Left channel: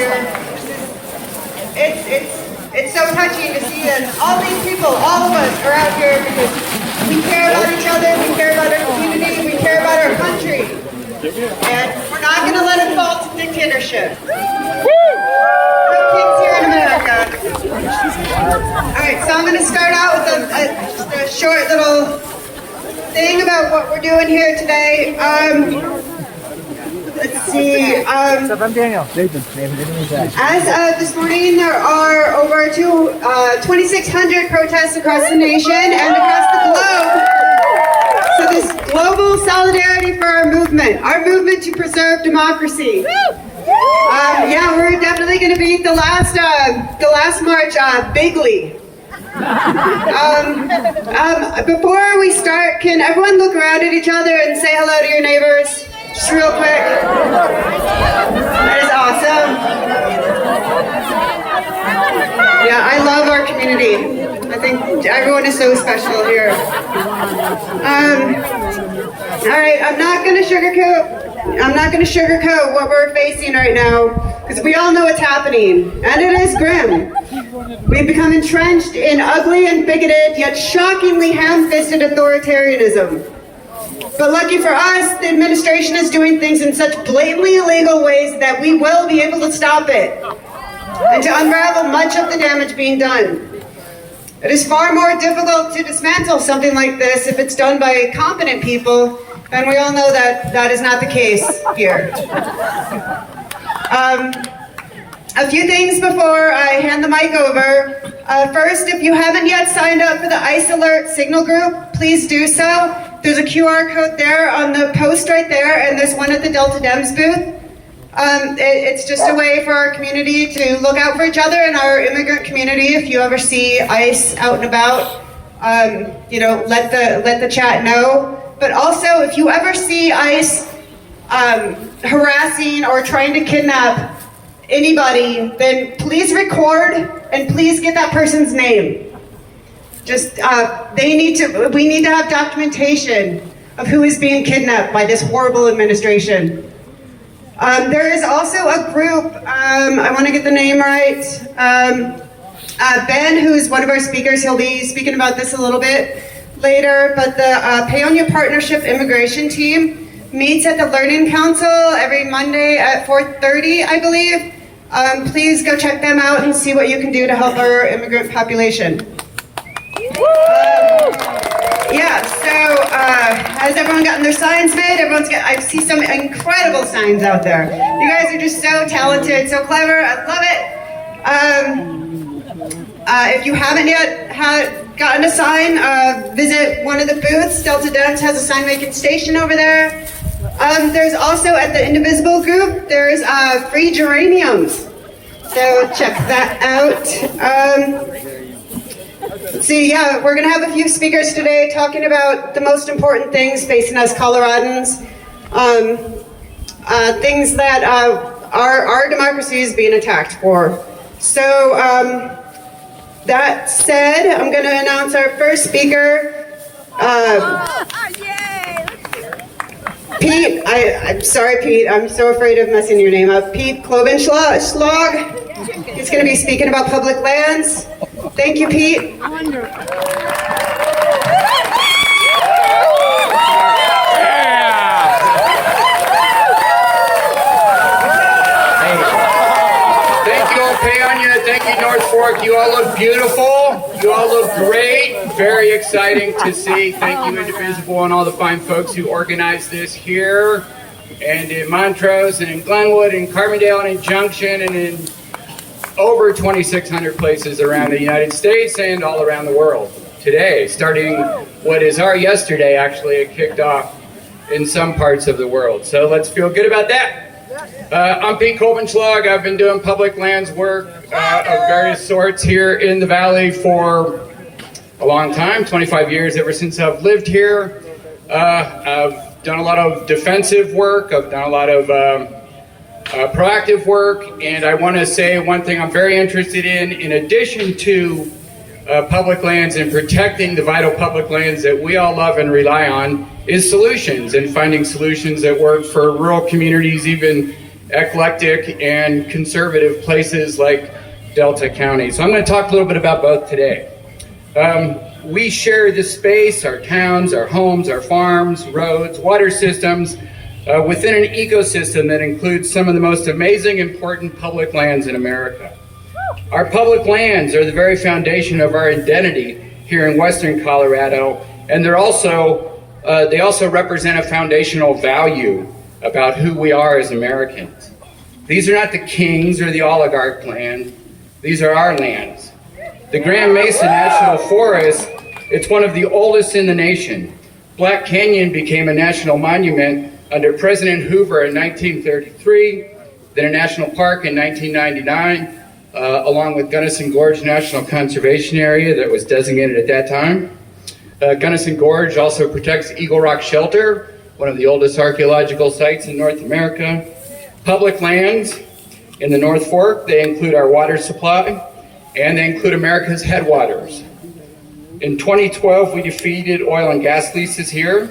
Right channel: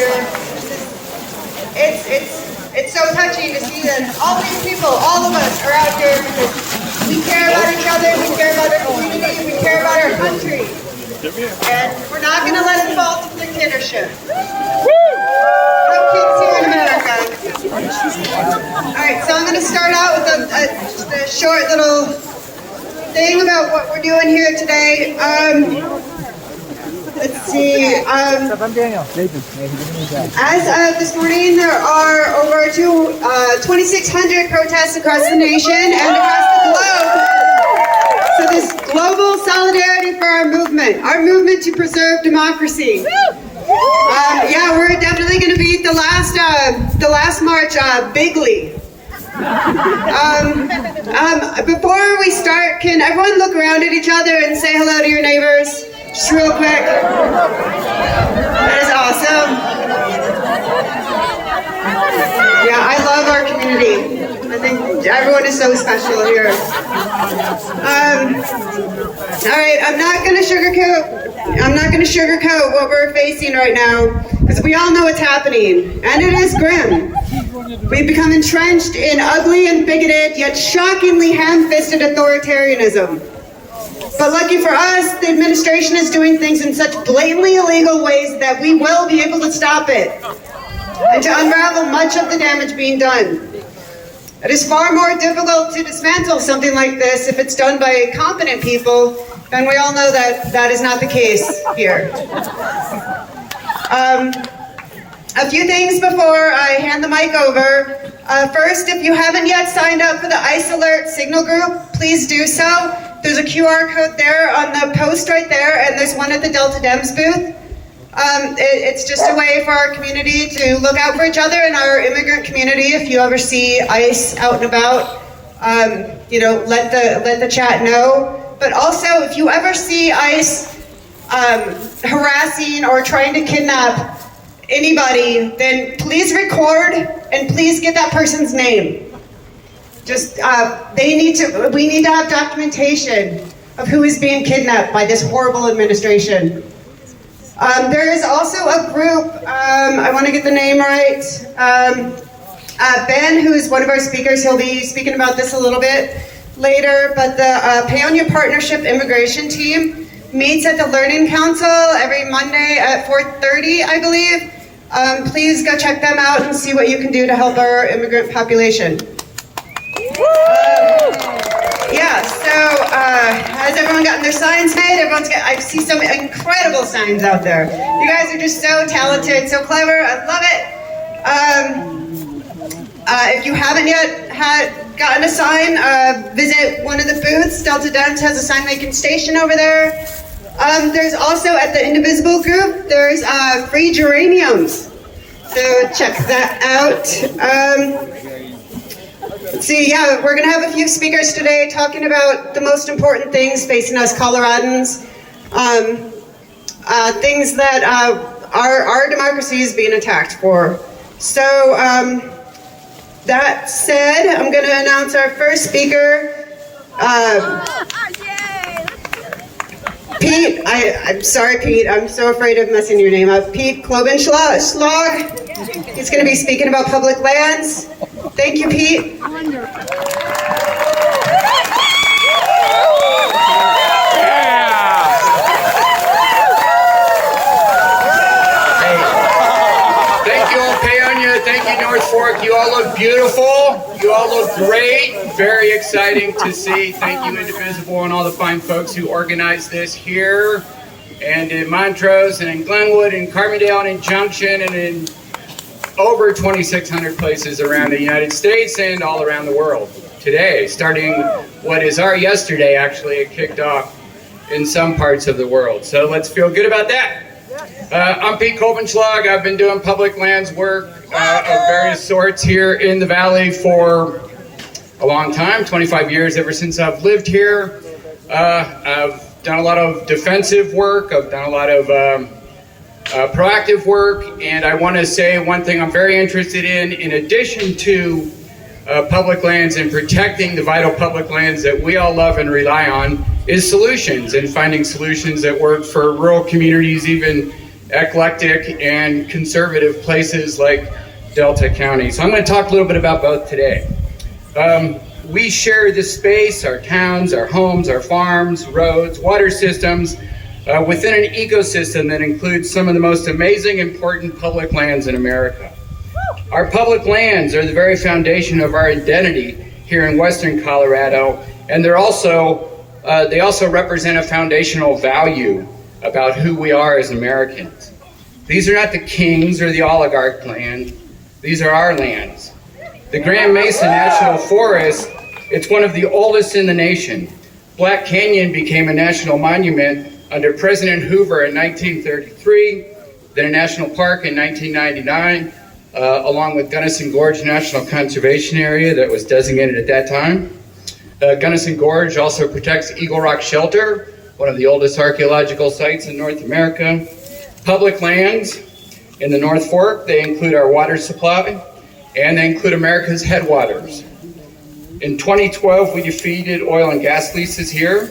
here. It's so touching to see that all these people, all of us are out here because we care about each other, we care about our community, we care about our country. And we're not going to let it fall to dictatorship. No kings here in America. Alright, so I'm going to start out with just a short little thing about what we're doing here today. Let's see. As of this morning, there are over 2,600 protests across the nation and across the globe. So this global solidarity for our movement to preserve democracy. Yeah, we're definitely going to beat the last march bigly. Before we start, can everyone look around at each other and say hello to your neighbors? Just real quick. That is awesome. Yeah, I love our community. I think everyone is so special here. All right, I'm not going to sugarcoat what we're facing right now, because we all know what's happening, and it is grim. We've become entrenched in ugly and bigoted, yet shockingly ham-fisted authoritarianism. But lucky for us, the administration is doing things in such blatantly illegal ways that we will be able to stop it and to unravel much of the damage being done. It is far more difficult to dismantle something like this if it's done by competent people, and we all know that that is not the case here. A few things before I hand the mic over. First, if you haven't yet signed up for the ICE Alert Signal Group, please do so. There's a QR code there on the post right there, and there's one at the Delta Dems booth. It's just a way for our community to look out for each other and our immigrant community. If you ever see ICE out and about, let the chat know. But also, if you ever see ICE harassing or trying to kidnap anybody, then please record and please get that person's name. Just, we need to have documentation of who is being kidnapped by this horrible administration. There is also a group, I want to get the name right, Ben, who's one of our speakers, he'll be speaking about this a little bit later, but the Paonia Partnership Immigration Team meets at the Learning Council every Monday at 4:30, I believe. Please go check them out and see what you can do to help our immigrant population. Has everyone gotten their signs made? I see some incredible signs out there. You guys are just so talented, so clever. I love it. If you haven't yet gotten a sign, visit one of the booths. Delta Dems has a sign making station over there. There's also at the Indivisible group, there's free geraniums. So check that out. Let's see, yeah, we're going to have a few speakers today talking about the most important things facing us Coloradans. Things that our democracy is being attacked for. So, that said, I'm going to announce our first speaker. Pete, I'm sorry, Pete. I'm so afraid of messing your name up. Pete Klobenschlag. He's going to be speaking about public lands. Thank you, Pete. Thank you all, Paonia. Thank you, North Fork. You all look beautiful. You all look great. Very exciting to see. Thank you, Indivisible, and all the fine folks who organized this here, and in Montrose, and in Glenwood, and Carbondale, and in Junction, and in over 2,600 places around the United States and all around the world. Today, starting what is our yesterday, actually, it kicked off in some parts of the world. So let's feel good about that. I'm Pete Klobenschlag. I've been doing public lands work of various sorts here in the Valley for a long time, 25 years ever since I've lived here. I've done a lot of defensive work. I've done a lot of proactive work, and I want to say one thing I'm very interested in addition to public lands and protecting the vital public lands that we all love and rely on, is solutions, and finding solutions that work for rural communities even eclectic and conservative places like Delta County. So I'm going to talk a little bit about both today. We share this space, our towns, our homes, our farms, roads, water systems, within an ecosystem that includes some of the most amazing, important public lands in America. Our public lands are the very foundation of our identity here in Western Colorado, and they also represent a foundational value about who we are as Americans. These are not the kings or the oligarch lands. These are our lands. The Grand Mesa National Forest, it's one of the oldest in the nation. Black Canyon became a national monument under President Hoover in 1933, then a national park in 1999, along with Gunnison Gorge National Conservation Area that was designated at that time. Gunnison Gorge also protects Eagle Rock Shelter, one of the oldest archaeological sites in North America. Public lands in the North Fork, they include our water supply, and they include America's headwaters. In 2012, we defeated oil and gas leases here.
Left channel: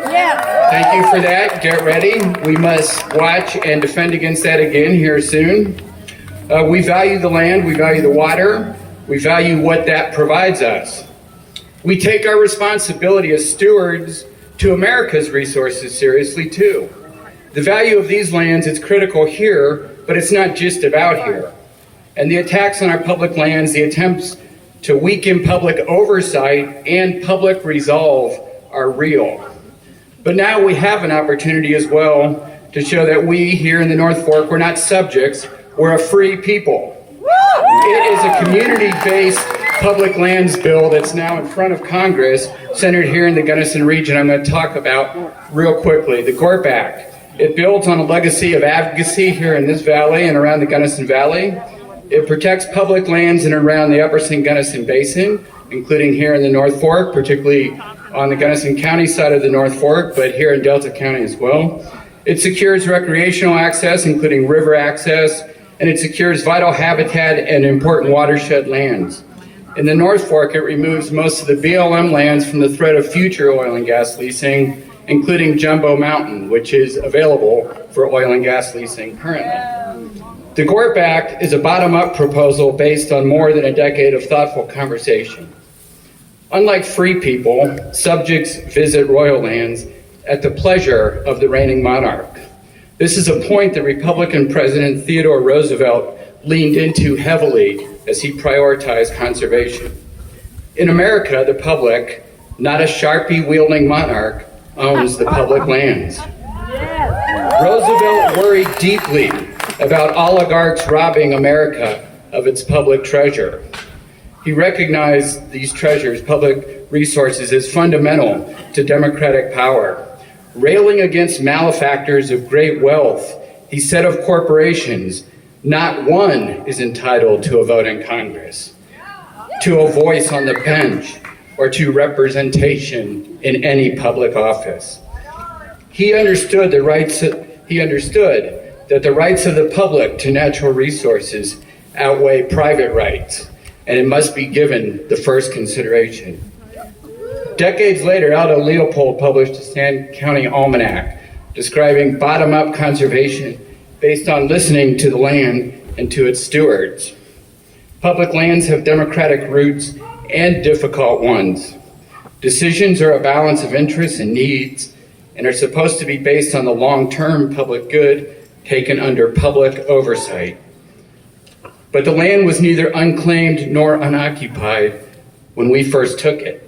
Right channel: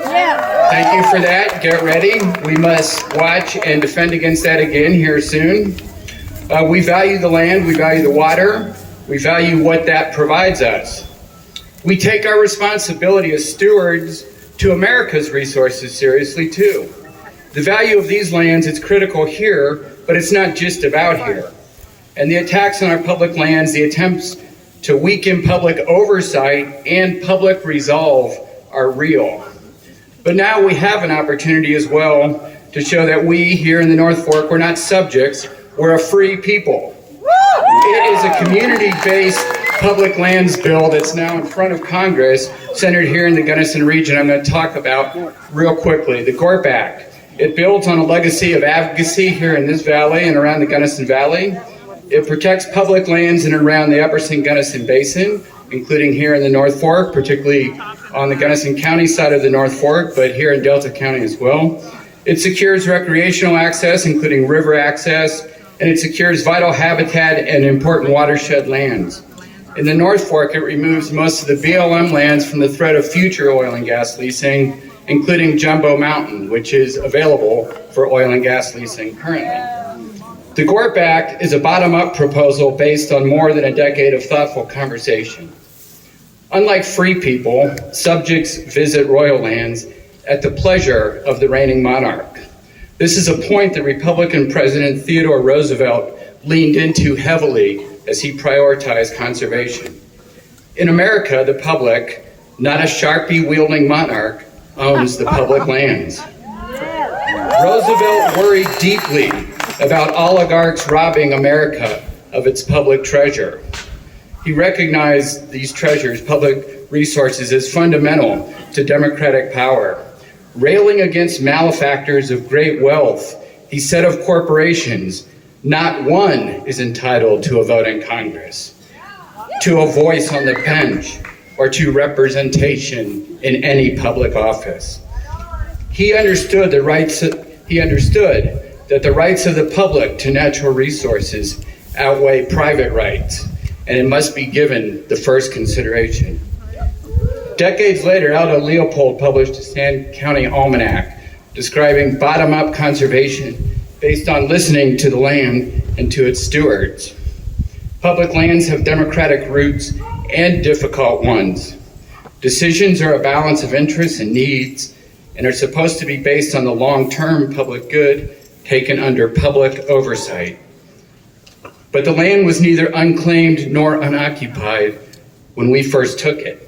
Thank you for that. Get ready. We must watch and defend against that again here soon. We value the land, we value the water, we value what that provides us. We take our responsibility as stewards to America's resources seriously too. The value of these lands is critical here, but it's not just about here. And the attacks on our public lands, the attempts to weaken public oversight and public resolve are real. But now we have an opportunity as well to show that we here in the North Fork, we're not subjects, we're a free people. It is a community-based public lands bill that's now in front of Congress, centered here in the Gunnison region. I'm going to talk about real quickly. The GORP Act. It builds on a legacy of advocacy here in this valley and around the Gunnison Valley. It protects public lands in and around the Upper St. Gunnison Basin, including here in the North Fork, particularly on the Gunnison County side of the North Fork, but here in Delta County as well. It secures recreational access, including river access, and it secures vital habitat and important watershed lands. In the North Fork, it removes most of the BLM lands from the threat of future oil and gas leasing, including Jumbo Mountain, which is available for oil and gas leasing currently. The GORP Act is a bottom-up proposal based on more than a decade of thoughtful conversation. Unlike free people, subjects visit royal lands at the pleasure of the reigning monarch. This is a point that Republican President Theodore Roosevelt leaned into heavily as he prioritized conservation. In America, the public, not a Sharpie-wielding monarch, owns the public lands. Roosevelt worried deeply about oligarchs robbing America of its public treasure. He recognized these treasures, public resources, as fundamental to democratic power. Railing against malefactors of great wealth, he said of corporations, not one is entitled to a vote in Congress, to a voice on the bench, or to representation in any public office. He understood that the rights of the public to natural resources outweigh private rights, and it must be given the first consideration. Decades later, Aldo Leopold published a Sand County Almanac describing bottom-up conservation based on listening to the land and to its stewards. Public lands have democratic roots and difficult ones. Decisions are a balance of interests and needs and are supposed to be based on the long-term public good taken under public oversight. But the land was neither unclaimed nor unoccupied when we first took it.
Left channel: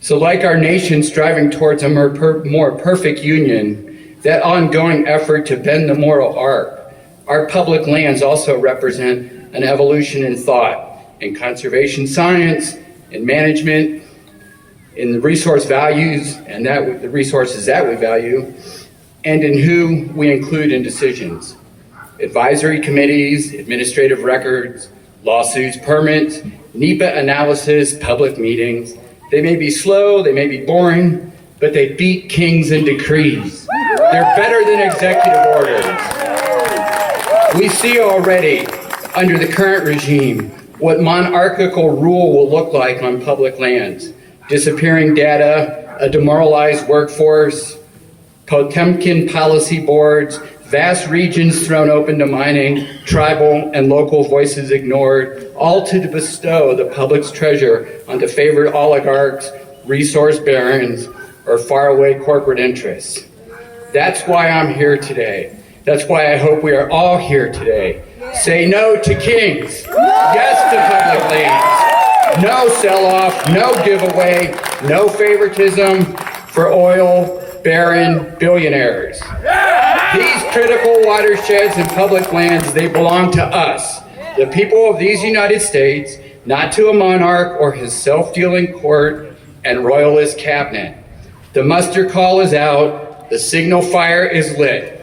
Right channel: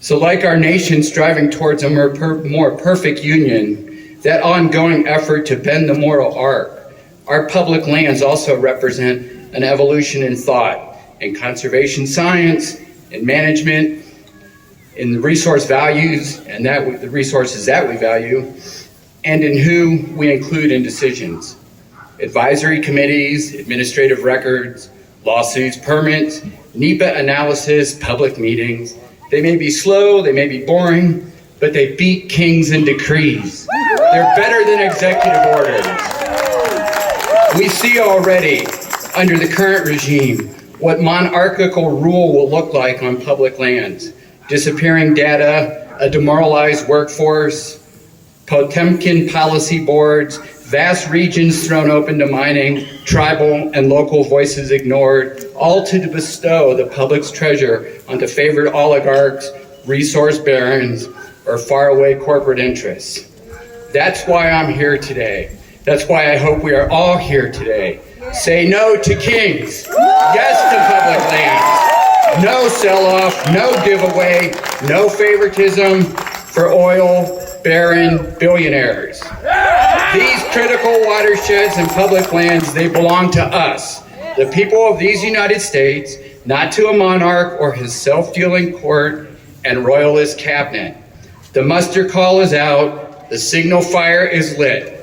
So like our nation striving towards a more perfect union, that ongoing effort to bend the moral arc, our public lands also represent an evolution in thought, in conservation science, in management, in the resource values and the resources that we value, and in who we include in decisions. Advisory committees, administrative records, lawsuits, permits, NEPA analysis, public meetings. They may be slow, they may be boring, but they beat kings and decrees. They're better than executive orders. We see already, under the current regime, what monarchical rule will look like on public lands. Disappearing data, a demoralized workforce, Potemkin policy boards, vast regions thrown open to mining, tribal and local voices ignored, all to bestow the public's treasure onto favored oligarchs, resource barons, or faraway corporate interests. That's why I'm here today. That's why I hope we are all here today. Say no to kings, yes to public lands, no sell-off, no giveaway, no favoritism for oil baron billionaires. These critical watersheds and public lands, they belong to us, the people of these United States, not to a monarch or his self-dealing court and royalist cabinet. The muster call is out, the signal fire is lit.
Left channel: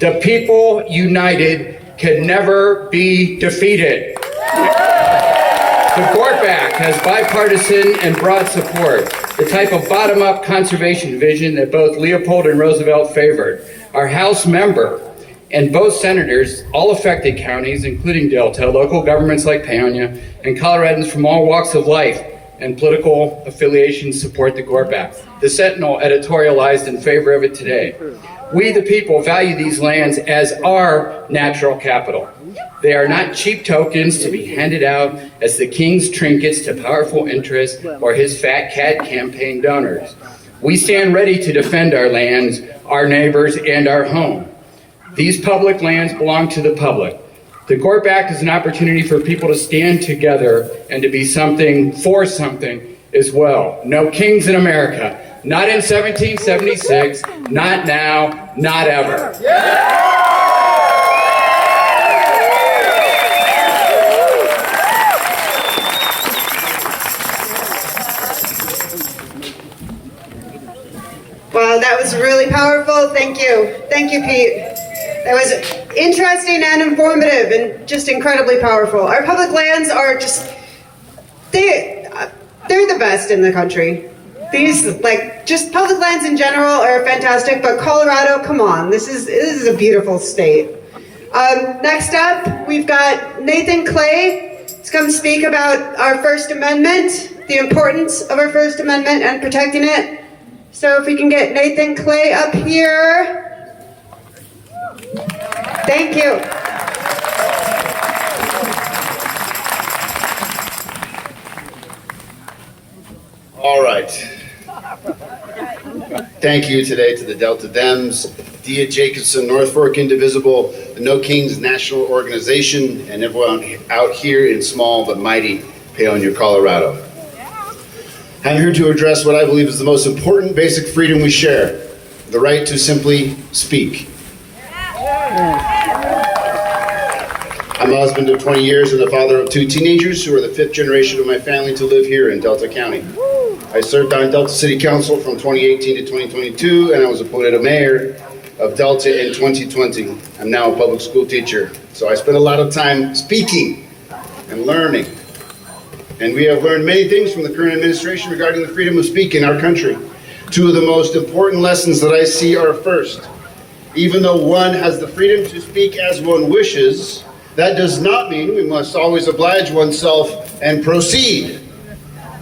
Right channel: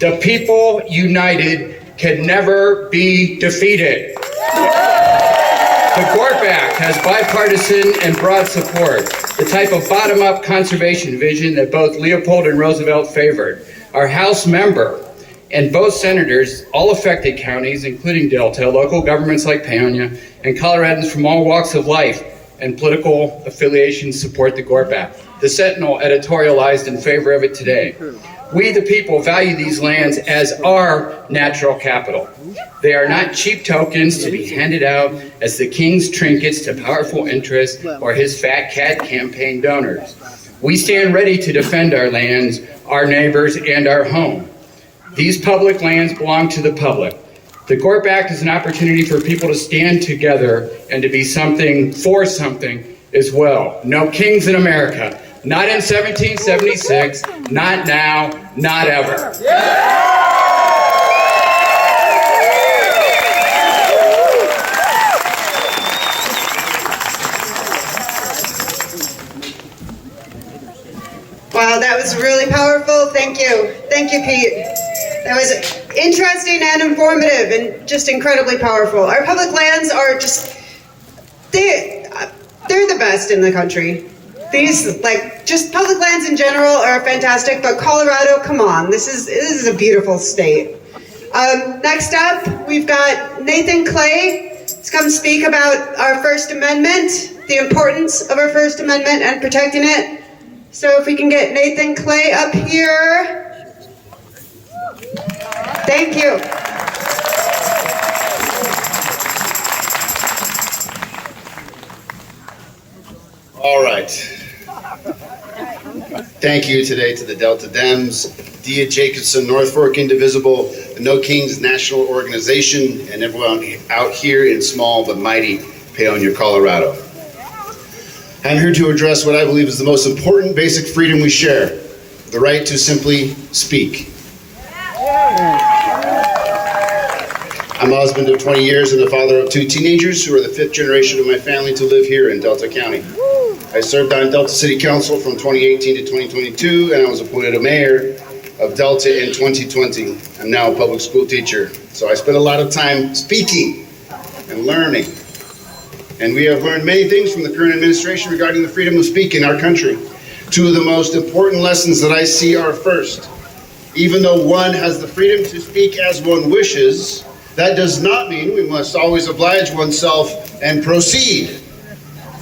The people united can never be defeated. The GORP Act has bipartisan and broad support, the type of bottom-up conservation vision that both Leopold and Roosevelt favored. Our House member and both senators, all affected counties, including Delta, local governments like Paonia, and Coloradans from all walks of life and political affiliations support the GORP Act. The Sentinel editorialized in favor of it today. We, the people, value these lands as our natural capital. They are not cheap tokens to be handed out as the king's trinkets to powerful interests or his fat cat campaign donors. We stand ready to defend our lands, our neighbors, and our home. These public lands belong to the public. The GORP Act is an opportunity for people to stand together and to be something for something as well. No kings in America. Not in 1776, not now, not ever. Wow, that was really powerful. Thank you. Thank you, Pete. That was interesting and informative and just incredibly powerful. Our public lands are just, they're the best in the country. These, just public lands in general are fantastic, but Colorado, come on, this is a beautiful state. Next up, we've got Nathan Clay to come speak about our First Amendment, the importance of our First Amendment and protecting it. So if we can get Nathan Clay up here. Thank you. All right. Thank you today to the Delta Dems, Dia Jacobson, North Fork Indivisible, the No Kings National Organization, and everyone out here in small but mighty Paonia, Colorado. I'm here to address what I believe is the most important basic freedom we share, the right to simply speak. I'm a husband of 20 years and the father of 2 teenagers who are the 5th generation of my family to live here in Delta County. I served on Delta City Council from 2018 to 2022, and I was appointed a mayor of Delta in 2020. I'm now a public school teacher, so I spend a lot of time speaking and learning. And we have learned many things from the current administration regarding the freedom of speech in our country. 2 of the most important lessons that I see are, first, even though one has the freedom to speak as one wishes, that does not mean we must always oblige oneself and proceed.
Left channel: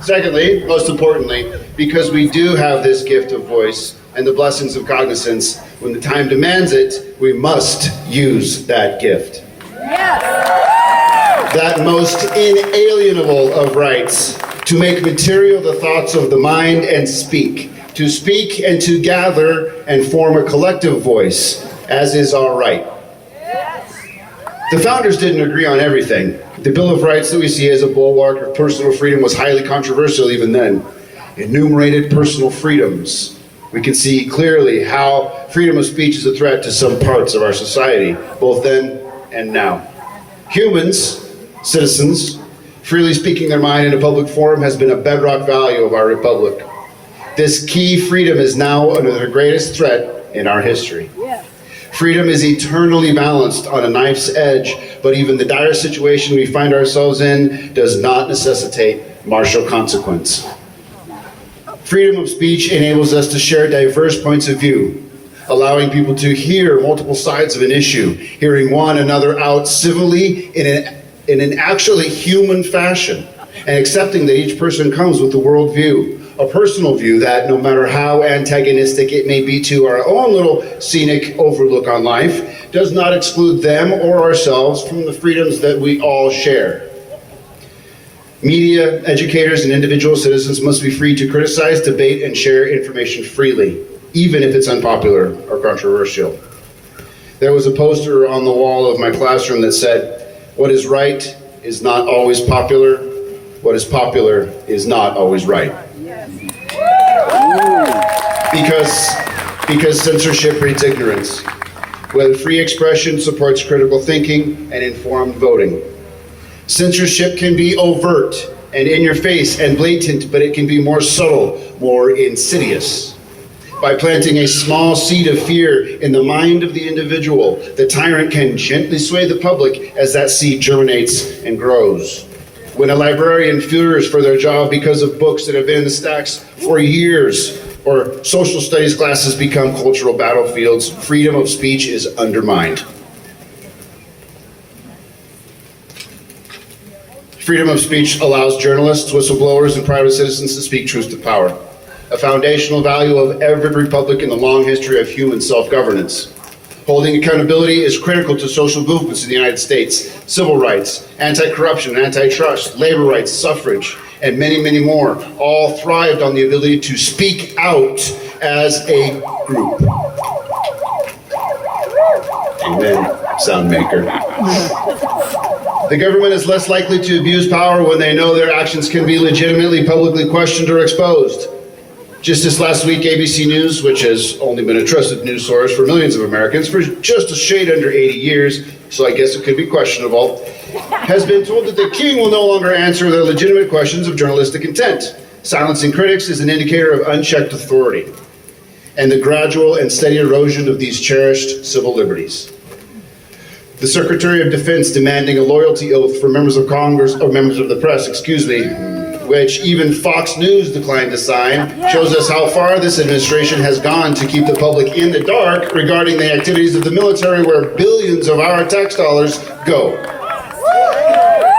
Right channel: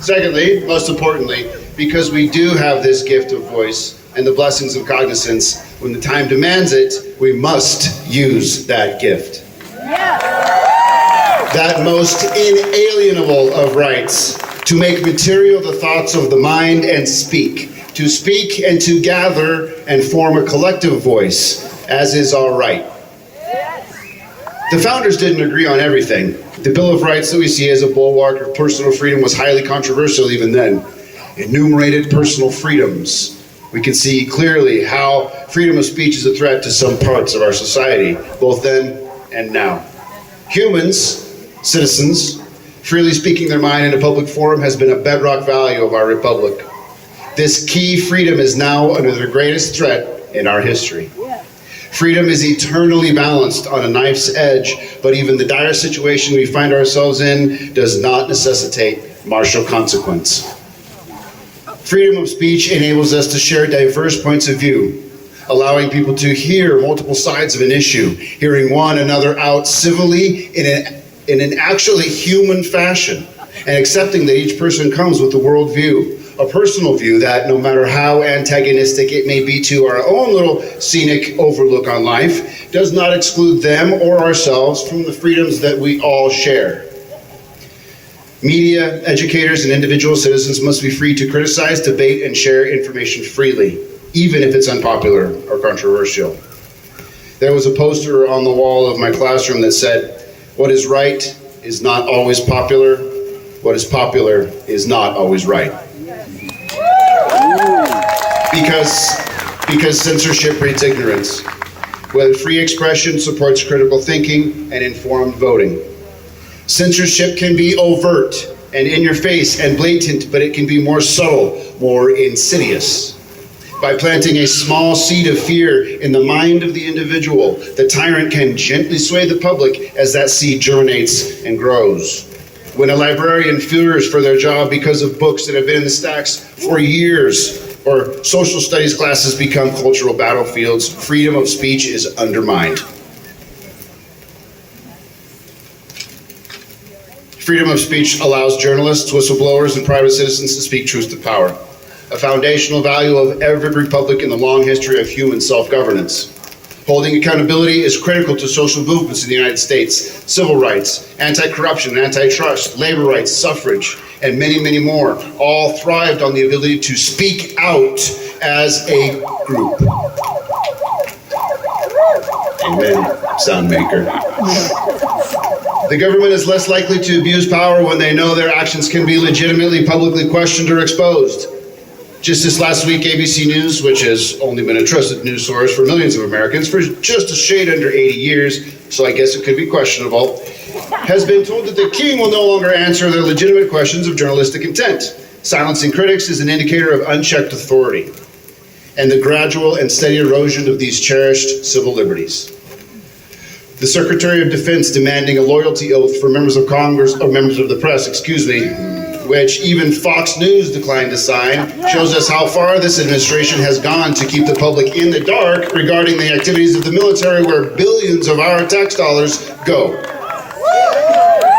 Secondly, most importantly, because we do have this gift of voice and the blessings of cognizance, when the time demands it, we must use that gift. That most inalienable of rights, to make material the thoughts of the mind and speak, to speak and to gather and form a collective voice, as is our right. The founders didn't agree on everything. The Bill of Rights that we see as a bulwark of personal freedom was highly controversial even then. Enumerated personal freedoms. We can see clearly how freedom of speech is a threat to some parts of our society, both then and now. Humans, citizens, freely speaking their mind in a public forum has been a bedrock value of our republic. This key freedom is now under the greatest threat in our history. Freedom is eternally balanced on a knife's edge, but even the dire situation we find ourselves in does not necessitate martial consequence. Freedom of speech enables us to share diverse points of view, allowing people to hear multiple sides of an issue, hearing one another out civilly in an actually human fashion, and accepting that each person comes with a worldview, a personal view that no matter how antagonistic it may be to our own little scenic overlook on life, does not exclude them or ourselves from the freedoms that we all share. Media, educators, and individual citizens must be free to criticize, debate, and share information freely, even if it's unpopular or controversial. There was a poster on the wall of my classroom that said, "What is right is not always popular. What is popular is not always right." Because censorship breeds ignorance, when free expression supports critical thinking and informed voting. Censorship can be overt and in your face and blatant, but it can be more subtle, more insidious. By planting a small seed of fear in the mind of the individual, the tyrant can gently sway the public as that seed germinates and grows. When a librarian fears for their job because of books that have been in the stacks for years, or social studies classes become cultural battlefields, freedom of speech is undermined. Freedom of speech allows journalists, whistleblowers, and private citizens to speak truth to power, a foundational value of every republic in the long history of human self-governance. Holding accountability is critical to social movements in the United States, civil rights, anti-corruption, antitrust, labor rights, suffrage, and many, many more, all thrived on the ability to speak out as a group. Amen, sound maker. The government is less likely to abuse power when they know their actions can be legitimately publicly questioned or exposed. Just this last week, ABC News, which has only been a trusted news source for millions of Americans for just a shade under 80 years, so I guess it could be questionable, has been told that the king will no longer answer their legitimate questions of journalistic intent. Silencing critics is an indicator of unchecked authority and the gradual and steady erosion of these cherished civil liberties. The Secretary of Defense demanding a loyalty oath for members of Congress, or members of the press, which even Fox News declined to sign, shows us how far this administration has gone to keep the public in the dark regarding the activities of the military, where billions of our tax dollars go.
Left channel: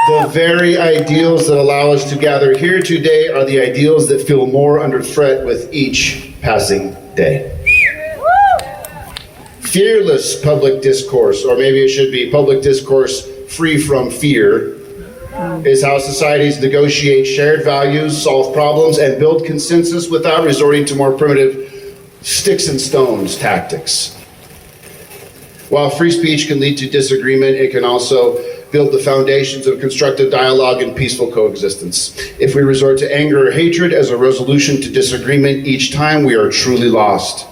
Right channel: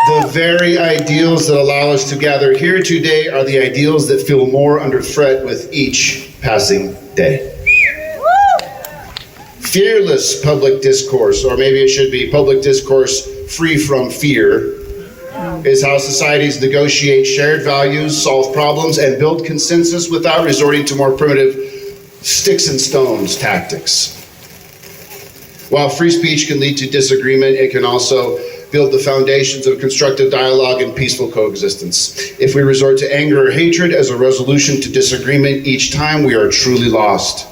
The very ideals that allow us to gather here today are the ideals that feel more under threat with each passing day. Fearless public discourse, or maybe it should be public discourse free from fear, is how societies negotiate shared values, solve problems, and build consensus without resorting to more primitive sticks and stones tactics. While free speech can lead to disagreement, it can also build the foundations of constructive dialogue and peaceful coexistence. If we resort to anger or hatred as a resolution to disagreement each time, we are truly lost.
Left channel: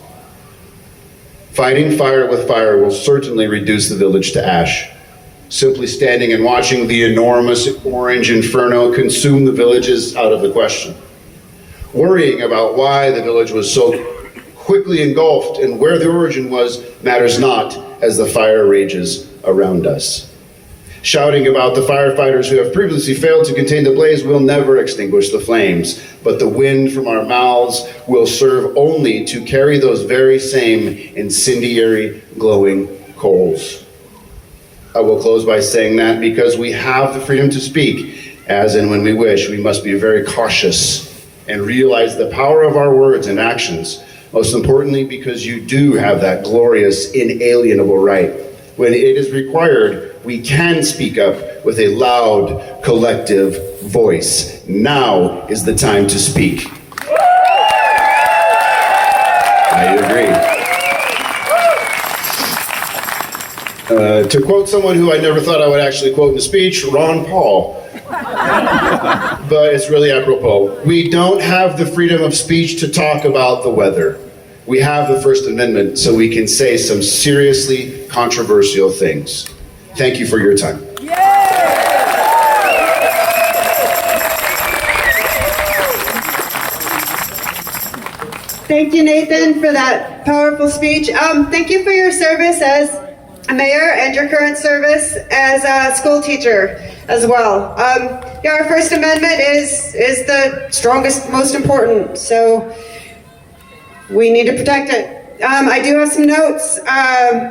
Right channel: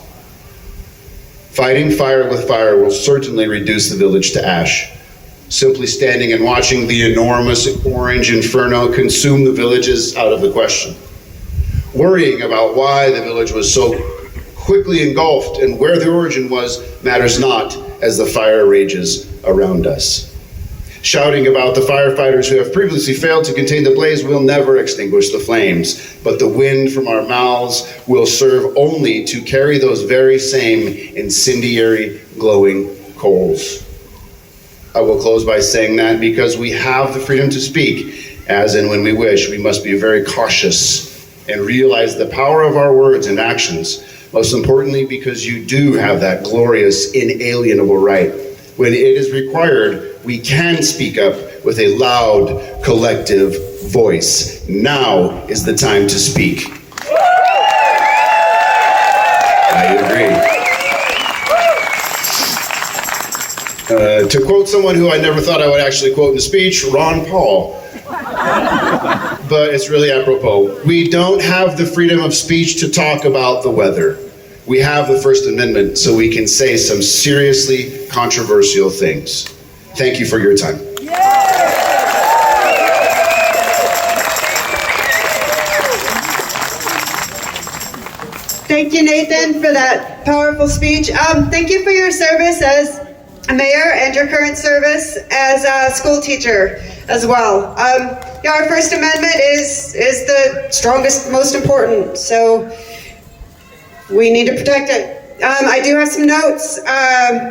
Fighting fire with fire will certainly reduce the village to ash. Simply standing and watching the enormous orange inferno consume the village is out of the question. Worrying about why the village was so quickly engulfed and where the origin was matters not as the fire rages around us. Shouting about the firefighters who have previously failed to contain the blaze will never extinguish the flames, but the wind from our mouths will serve only to carry those very same incendiary glowing coals. I will close by saying that because we have the freedom to speak, as and when we wish, we must be very cautious and realize the power of our words and actions. Most importantly, because you do have that glorious, inalienable right. When it is required, we can speak up with a loud, collective voice. Now is the time to speak. I agree. To quote someone who I never thought I would actually quote in a speech, Ron Paul. But it's really apropos. We don't have the freedom of speech to talk about the weather. We have the First Amendment, so we can say some seriously controversial things. Thank you for your time. Thank you, Nathan, for that powerful speech. Thank you for your service as a mayor and your current service as a school teacher as well. Our First Amendment is the strongest, most important, so we need to protect it. I do have some notes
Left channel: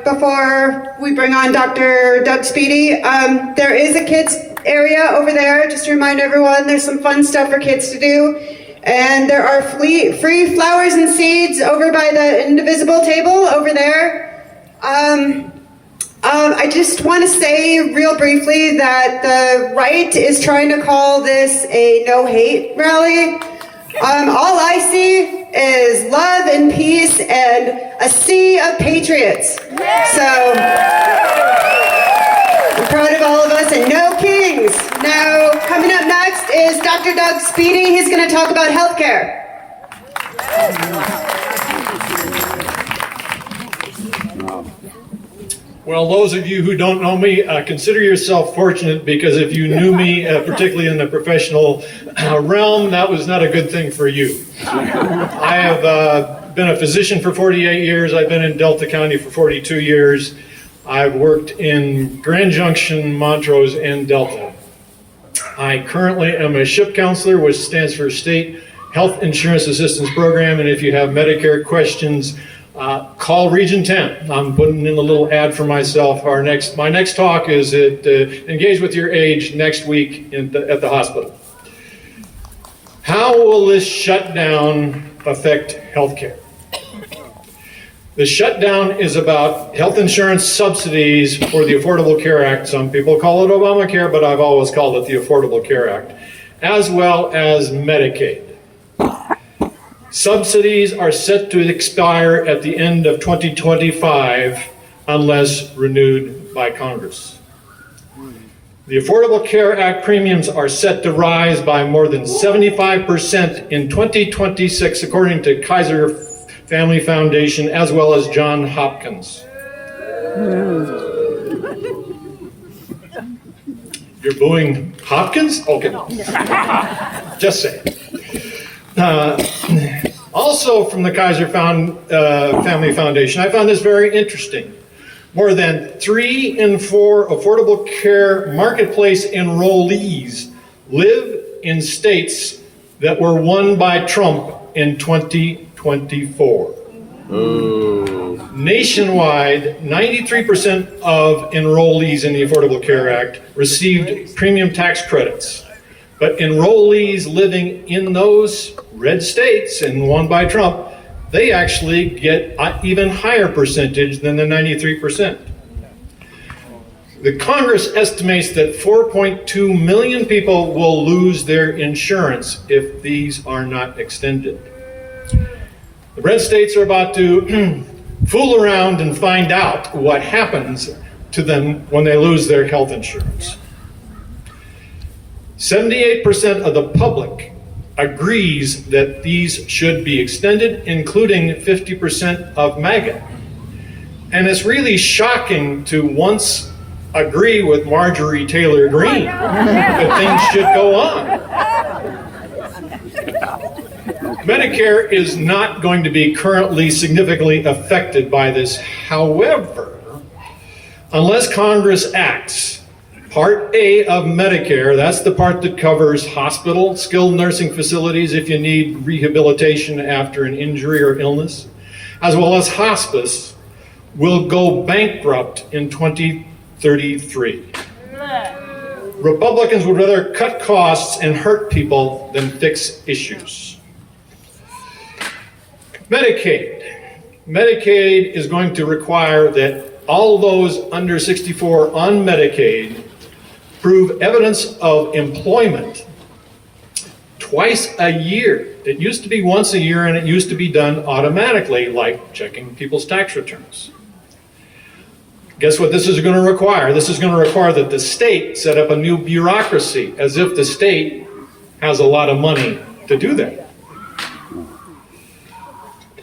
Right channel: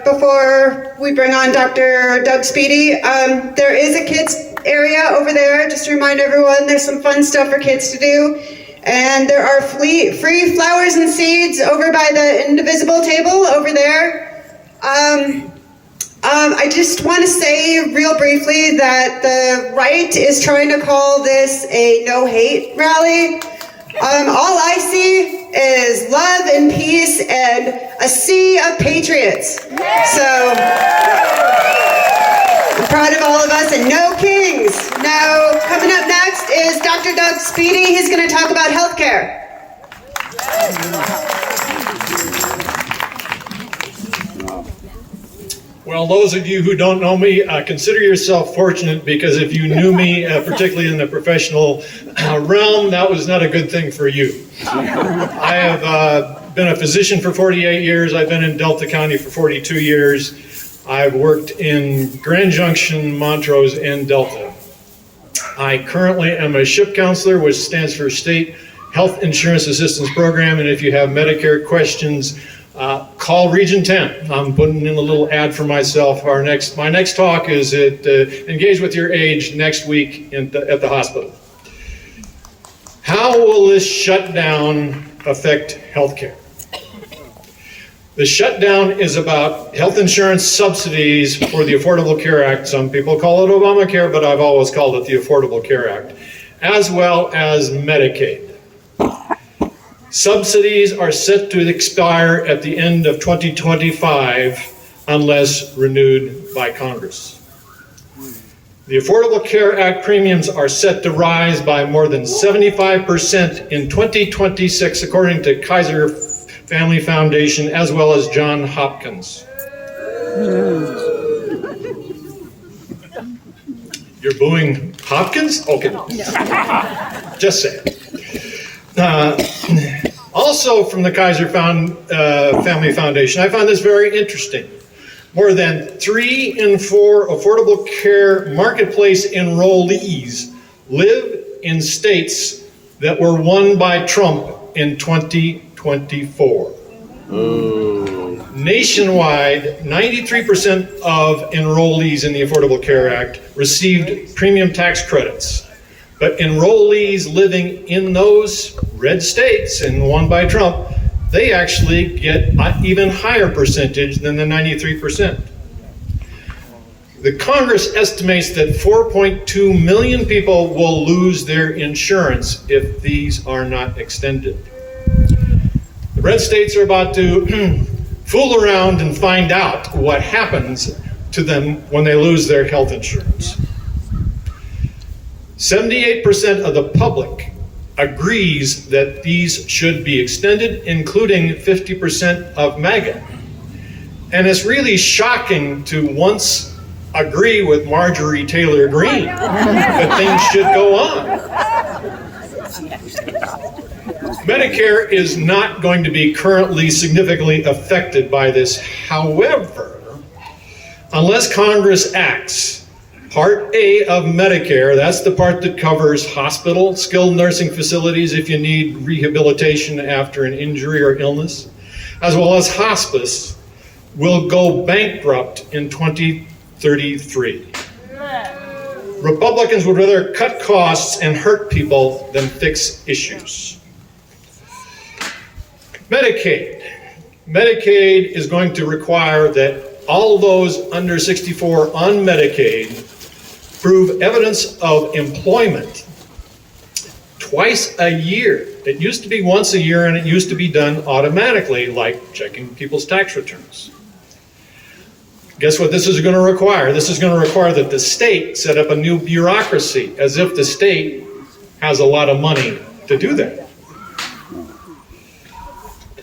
before we bring on Dr. Doug Speedy. There is a kids area over there, just to remind everyone, there's some fun stuff for kids to do. And there are free flowers and seeds over by the indivisible table over there. I just want to say real briefly that the right is trying to call this a no-hate rally. All I see is love and peace and a sea of patriots. So I'm proud of all of us and no kings. Now, coming up next is Dr. Doug Speedy. He's going to talk about healthcare. Well, those of you who don't know me, consider yourself fortunate, because if you knew me, particularly in the professional realm, that was not a good thing for you. I have been a physician for 48 years. I've been in Delta County for 42 years. I've worked in Grand Junction, Montrose, and Delta. I currently am a SHIP counselor, which stands for State Health Insurance Assistance Program, and if you have Medicare questions, call Region 10. I'm putting in a little ad for myself. My next talk is at Engage with Your Age next week at the hospital. How will this shutdown affect healthcare? The shutdown is about health insurance subsidies for the Affordable Care Act. Some people call it Obamacare, but I've always called it the Affordable Care Act, as well as Medicaid. Subsidies are set to expire at the end of 2025 unless renewed by Congress. The Affordable Care Act premiums are set to rise by more than 75% in 2026, according to Kaiser Family Foundation, as well as Johns Hopkins. You're booing Hopkins? Okay. Just saying. Also from the Kaiser Family Foundation, I found this very interesting. More than 3 in 4 affordable care marketplace enrollees live in states that were won by Trump in 2024. Nationwide, 93% of enrollees in the Affordable Care Act received premium tax credits. But enrollees living in those red states and won by Trump, they actually get an even higher percentage than the 93%. The Congress estimates that 4.2 million people will lose their insurance if these are not extended. The red states are about to fool around and find out what happens to them when they lose their health insurance. 78% of the public agrees that these should be extended, including 50% of MAGA. And it's really shocking to once agree with Marjorie Taylor Greene that things should go on. Medicare is not going to be currently significantly affected by this. However, unless Congress acts, Part A of Medicare, that's the part that covers hospital, skilled nursing facilities if you need rehabilitation after an injury or illness, as well as hospice, will go bankrupt in 2033. Republicans would rather cut costs and hurt people than fix issues. Medicaid. Medicaid is going to require that all those under 64 on Medicaid prove evidence of employment twice a year. It used to be once a year, and it used to be done automatically, like checking people's tax returns. Guess what this is going to require? This is going to require that the state set up a new bureaucracy, as if the state has a lot of money to do that.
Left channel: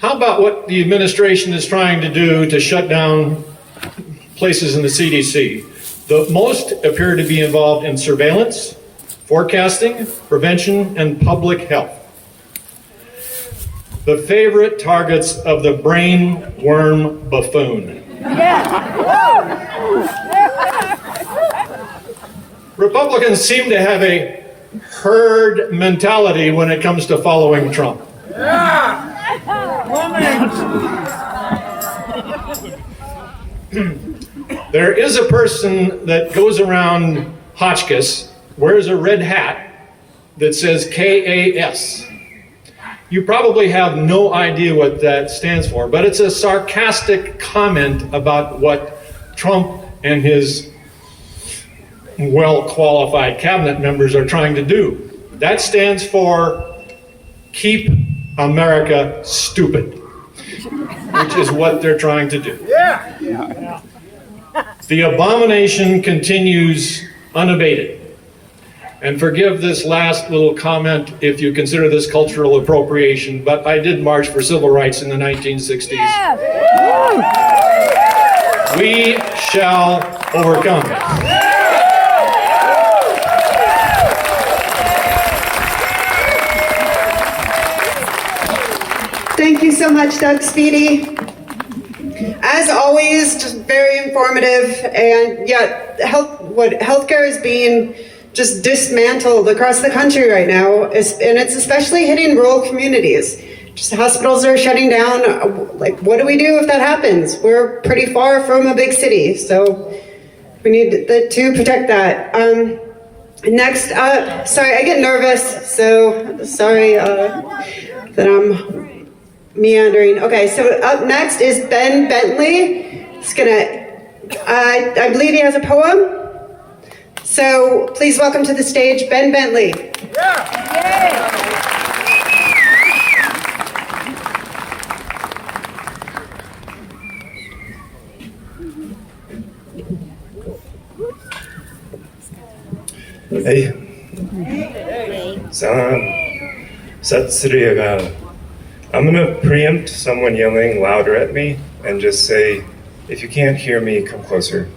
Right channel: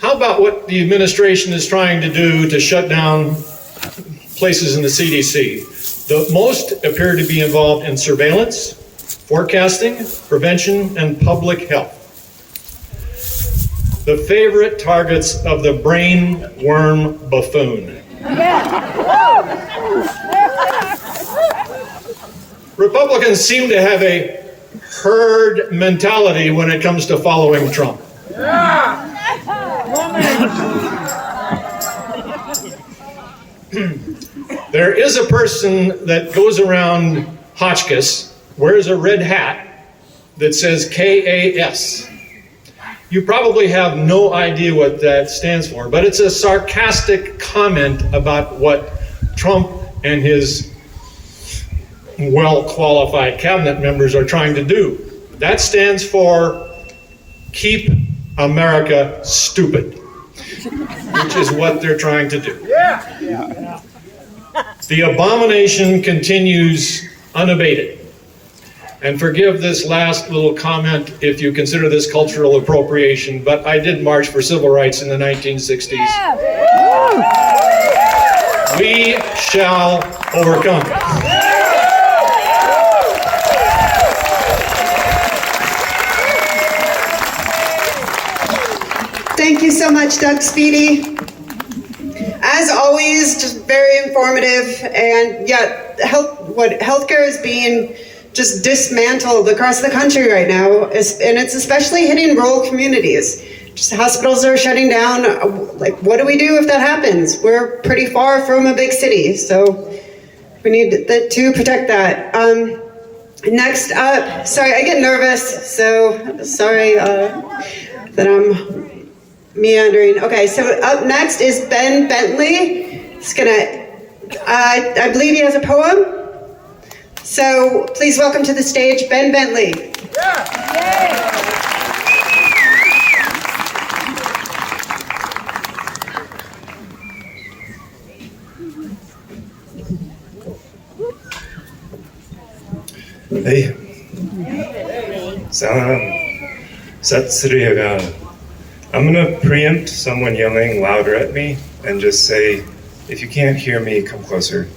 How about what the administration is trying to do to shut down places in the CDC? The most appear to be involved in surveillance, forecasting, prevention, and public health. The favorite targets of the brain worm buffoon. Republicans seem to have a herd mentality when it comes to following Trump. There is a person that goes around Hotchkiss, wears a red hat that says KAS. You probably have no idea what that stands for, but it's a sarcastic comment about what Trump and his well-qualified cabinet members are trying to do. That stands for Keep America Stupid, which is what they're trying to do. The abomination continues unabated. And forgive this last little comment if you consider this cultural appropriation, but I did march for civil rights in the 1960s. Yeah. We shall overcome. Thank you so much, Doug Speedy. As always, just very informative, and yet healthcare is being just dismantled across the country right now, and it's especially hitting rural communities. Just hospitals are shutting down. Like, what do we do if that happens? We're pretty far from a big city, so we need to protect that. Next up, sorry, I get nervous, so sorry that I'm meandering. Okay, so up next is Ben Bentley. He's gonna, I believe he has a poem. So please welcome to the stage, Ben Bentley. Hey. Salam. Sat Sri Akal. I'm going to preempt someone yelling louder at me and just say, if you can't hear me, come closer.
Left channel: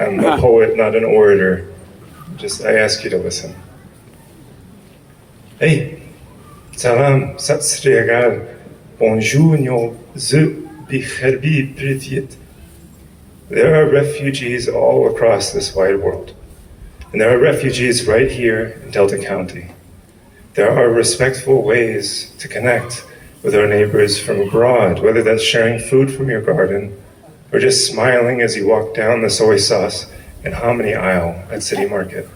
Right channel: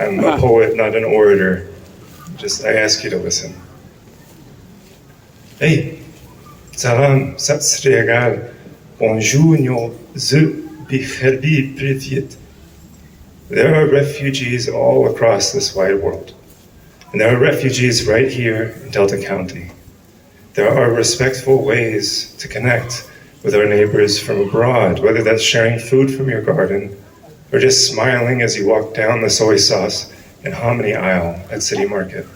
I'm a poet, not an orator. I ask you to listen. Hey. Salam. Sat Sri Akal. Bonjour, nyo zu bikherbi privyet. There are refugees all across this wide world. And there are refugees right here in Delta County. There are respectful ways to connect with our neighbors from abroad, whether that's sharing food from your garden or just smiling as you walk down the soy sauce and hominy aisle at City Market.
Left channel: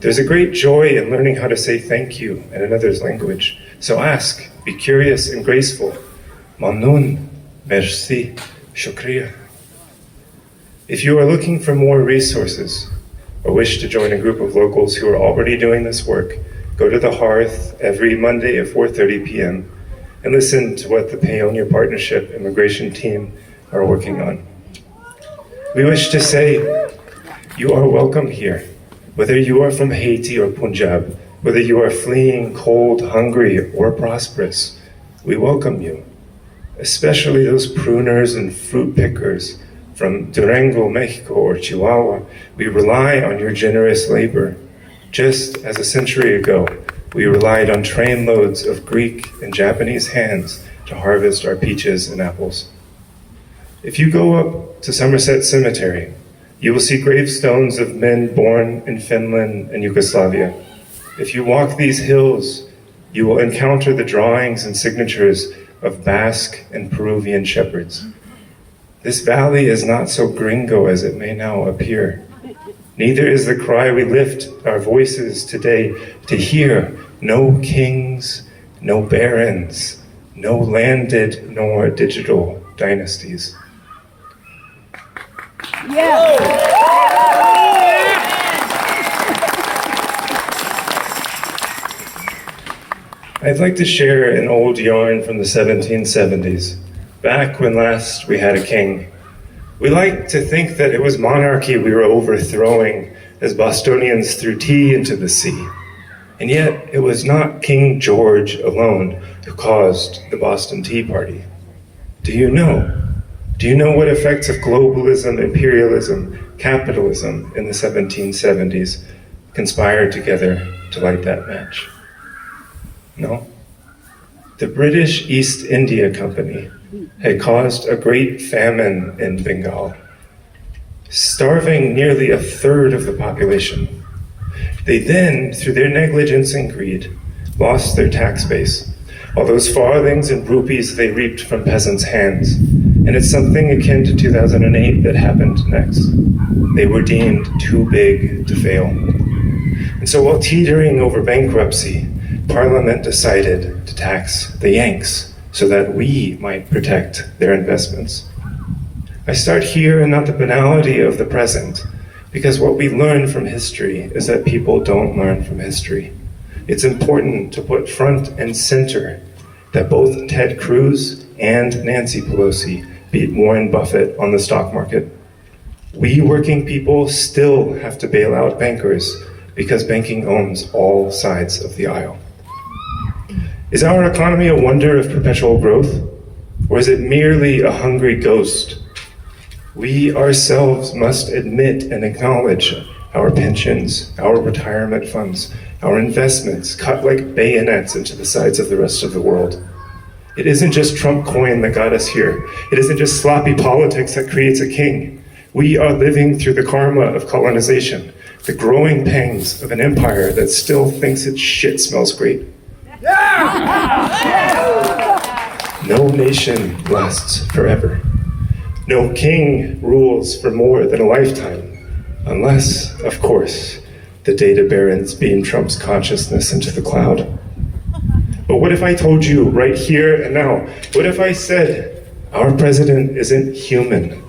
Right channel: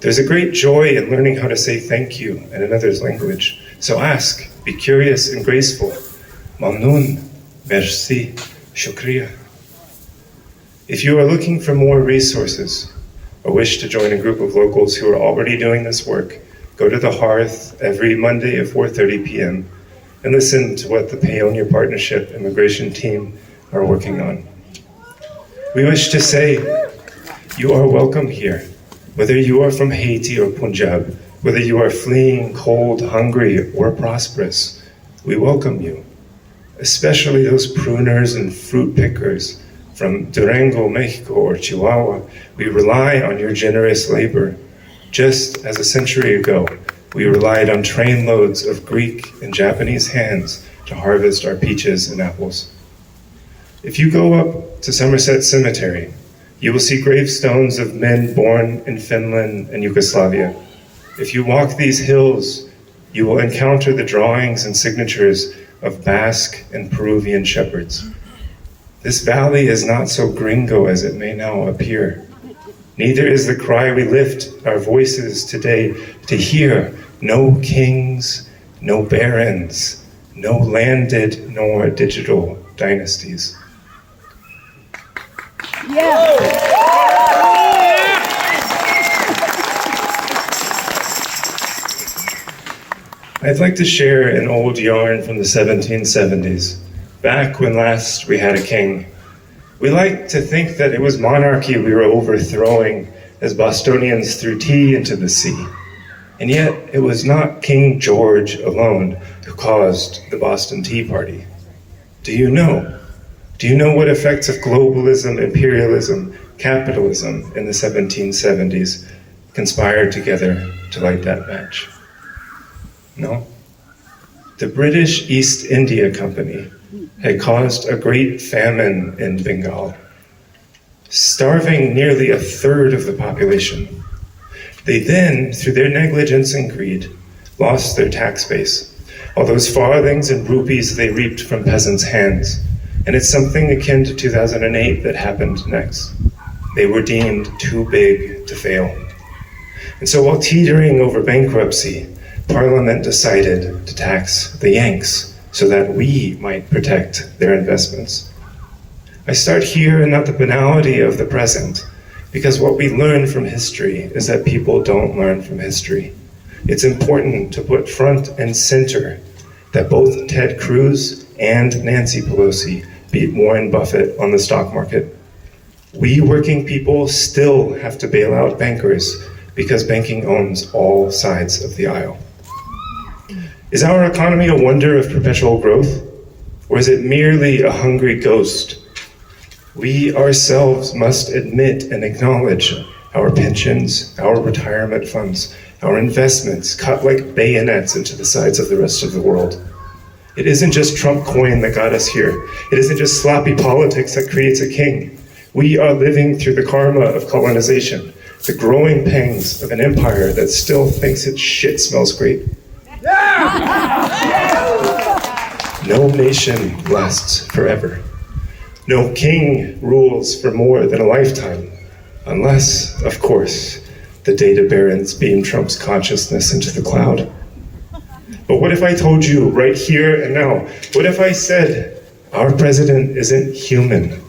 There's a great joy in learning how to say thank you in another's language. So ask, be curious and graceful. Mamnoon, merci, shukriya. If you are looking for more resources or wish to join a group of locals who are already doing this work, go to the Hearth every Monday at 4:30 p.m. and listen to what the Paonia Partnership immigration team are working on. We wish to say, you are welcome here, whether you are from Haiti or Punjab, whether you are fleeing cold, hungry, or prosperous, we welcome you, especially those pruners and fruit pickers from Durango, Mexico, or Chihuahua. We rely on your generous labor, just as a century ago, we relied on trainloads of Greek and Japanese hands to harvest our peaches and apples. If you go up to Somerset Cemetery, you will see gravestones of men born in Finland and Yugoslavia. If you walk these hills, you will encounter the drawings and signatures of Basque and Peruvian shepherds. This valley is not so gringo as it may now appear. Neither is the cry we lift our voices today to hear: no kings, no barons, no landed nor digital dynasties. Yeah. I'd like to share an old yarn from the 1770s, back when last we had a king. We like to think that it was monarchy we were overthrowing as Bostonians threw tea into the sea. And yet, it was not King George alone who caused the Boston Tea Party. Do you know? Do you know what effects of globalism, imperialism, capitalism in the 1770s conspired together to light that match? No? The British East India Company had caused a great famine in Bengal, starving nearly a third of the population. They then, through their negligence and greed, lost their tax base, all those farthings and rupees they reaped from peasants' hands. And it's something akin to 2008 that happened next. They were deemed too big to fail. And so while teetering over bankruptcy, Parliament decided to to tax the Yanks so that we might protect their investments. I start here and not the banality of the present, because what we learn from history is that people don't learn from history. It's important to put front and center that both Ted Cruz and Nancy Pelosi beat Warren Buffett on the stock market. We working people still have to bail out bankers because banking owns all sides of the aisle. Is our economy a wonder of perpetual growth, or is it merely a hungry ghost? We ourselves must admit and acknowledge our pensions, our retirement funds, our investments cut like bayonets into the sides of the rest of the world. It isn't just Trump coin that got us here. It isn't just sloppy politics that creates a king. We are living through the karma of colonization, the growing pangs of an empire that still thinks its shit smells great. No nation lasts forever. No king rules for more than a lifetime, unless, of course, the data barons beam Trump's consciousness into the cloud. But what if I told you right here and now, what if I said our president isn't human,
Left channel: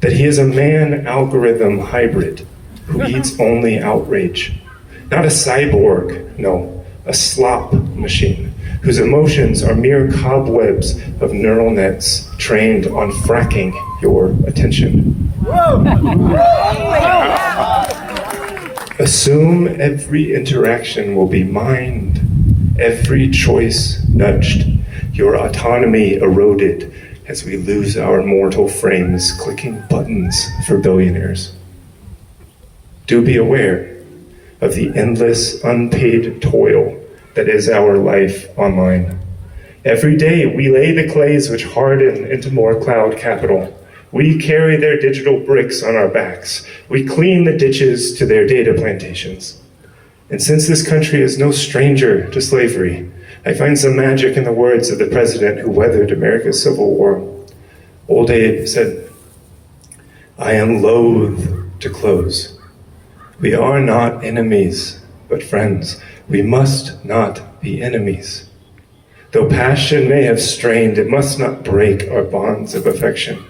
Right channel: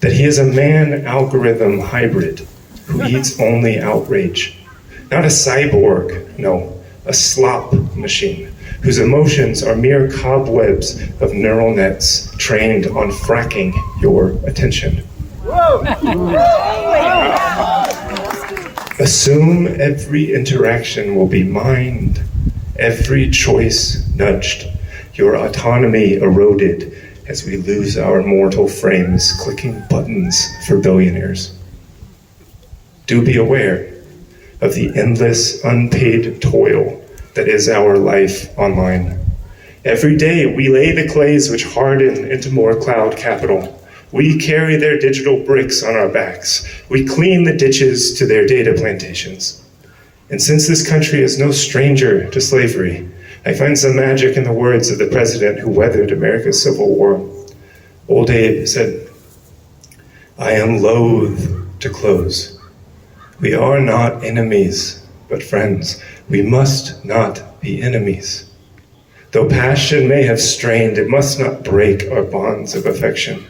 that he is a man-algorithm hybrid who eats only outrage, not a cyborg, no, a slop machine, whose emotions are mere cobwebs of neural nets trained on fracking your attention. Assume every interaction will be mined, every choice nudged, your autonomy eroded as we lose our mortal frames clicking buttons for billionaires. Do be aware of the endless unpaid toil that is our life online. Every day we lay the clays which harden into more cloud capital. We carry their digital bricks on our backs. We clean the ditches to their data plantations. And since this country is no stranger to slavery, I find some magic in the words of the president who weathered America's Civil War. Old Abe said, "I am loath to close. We are not enemies, but friends. We must not be enemies. Though passion may have strained, it must not break our bonds of affection.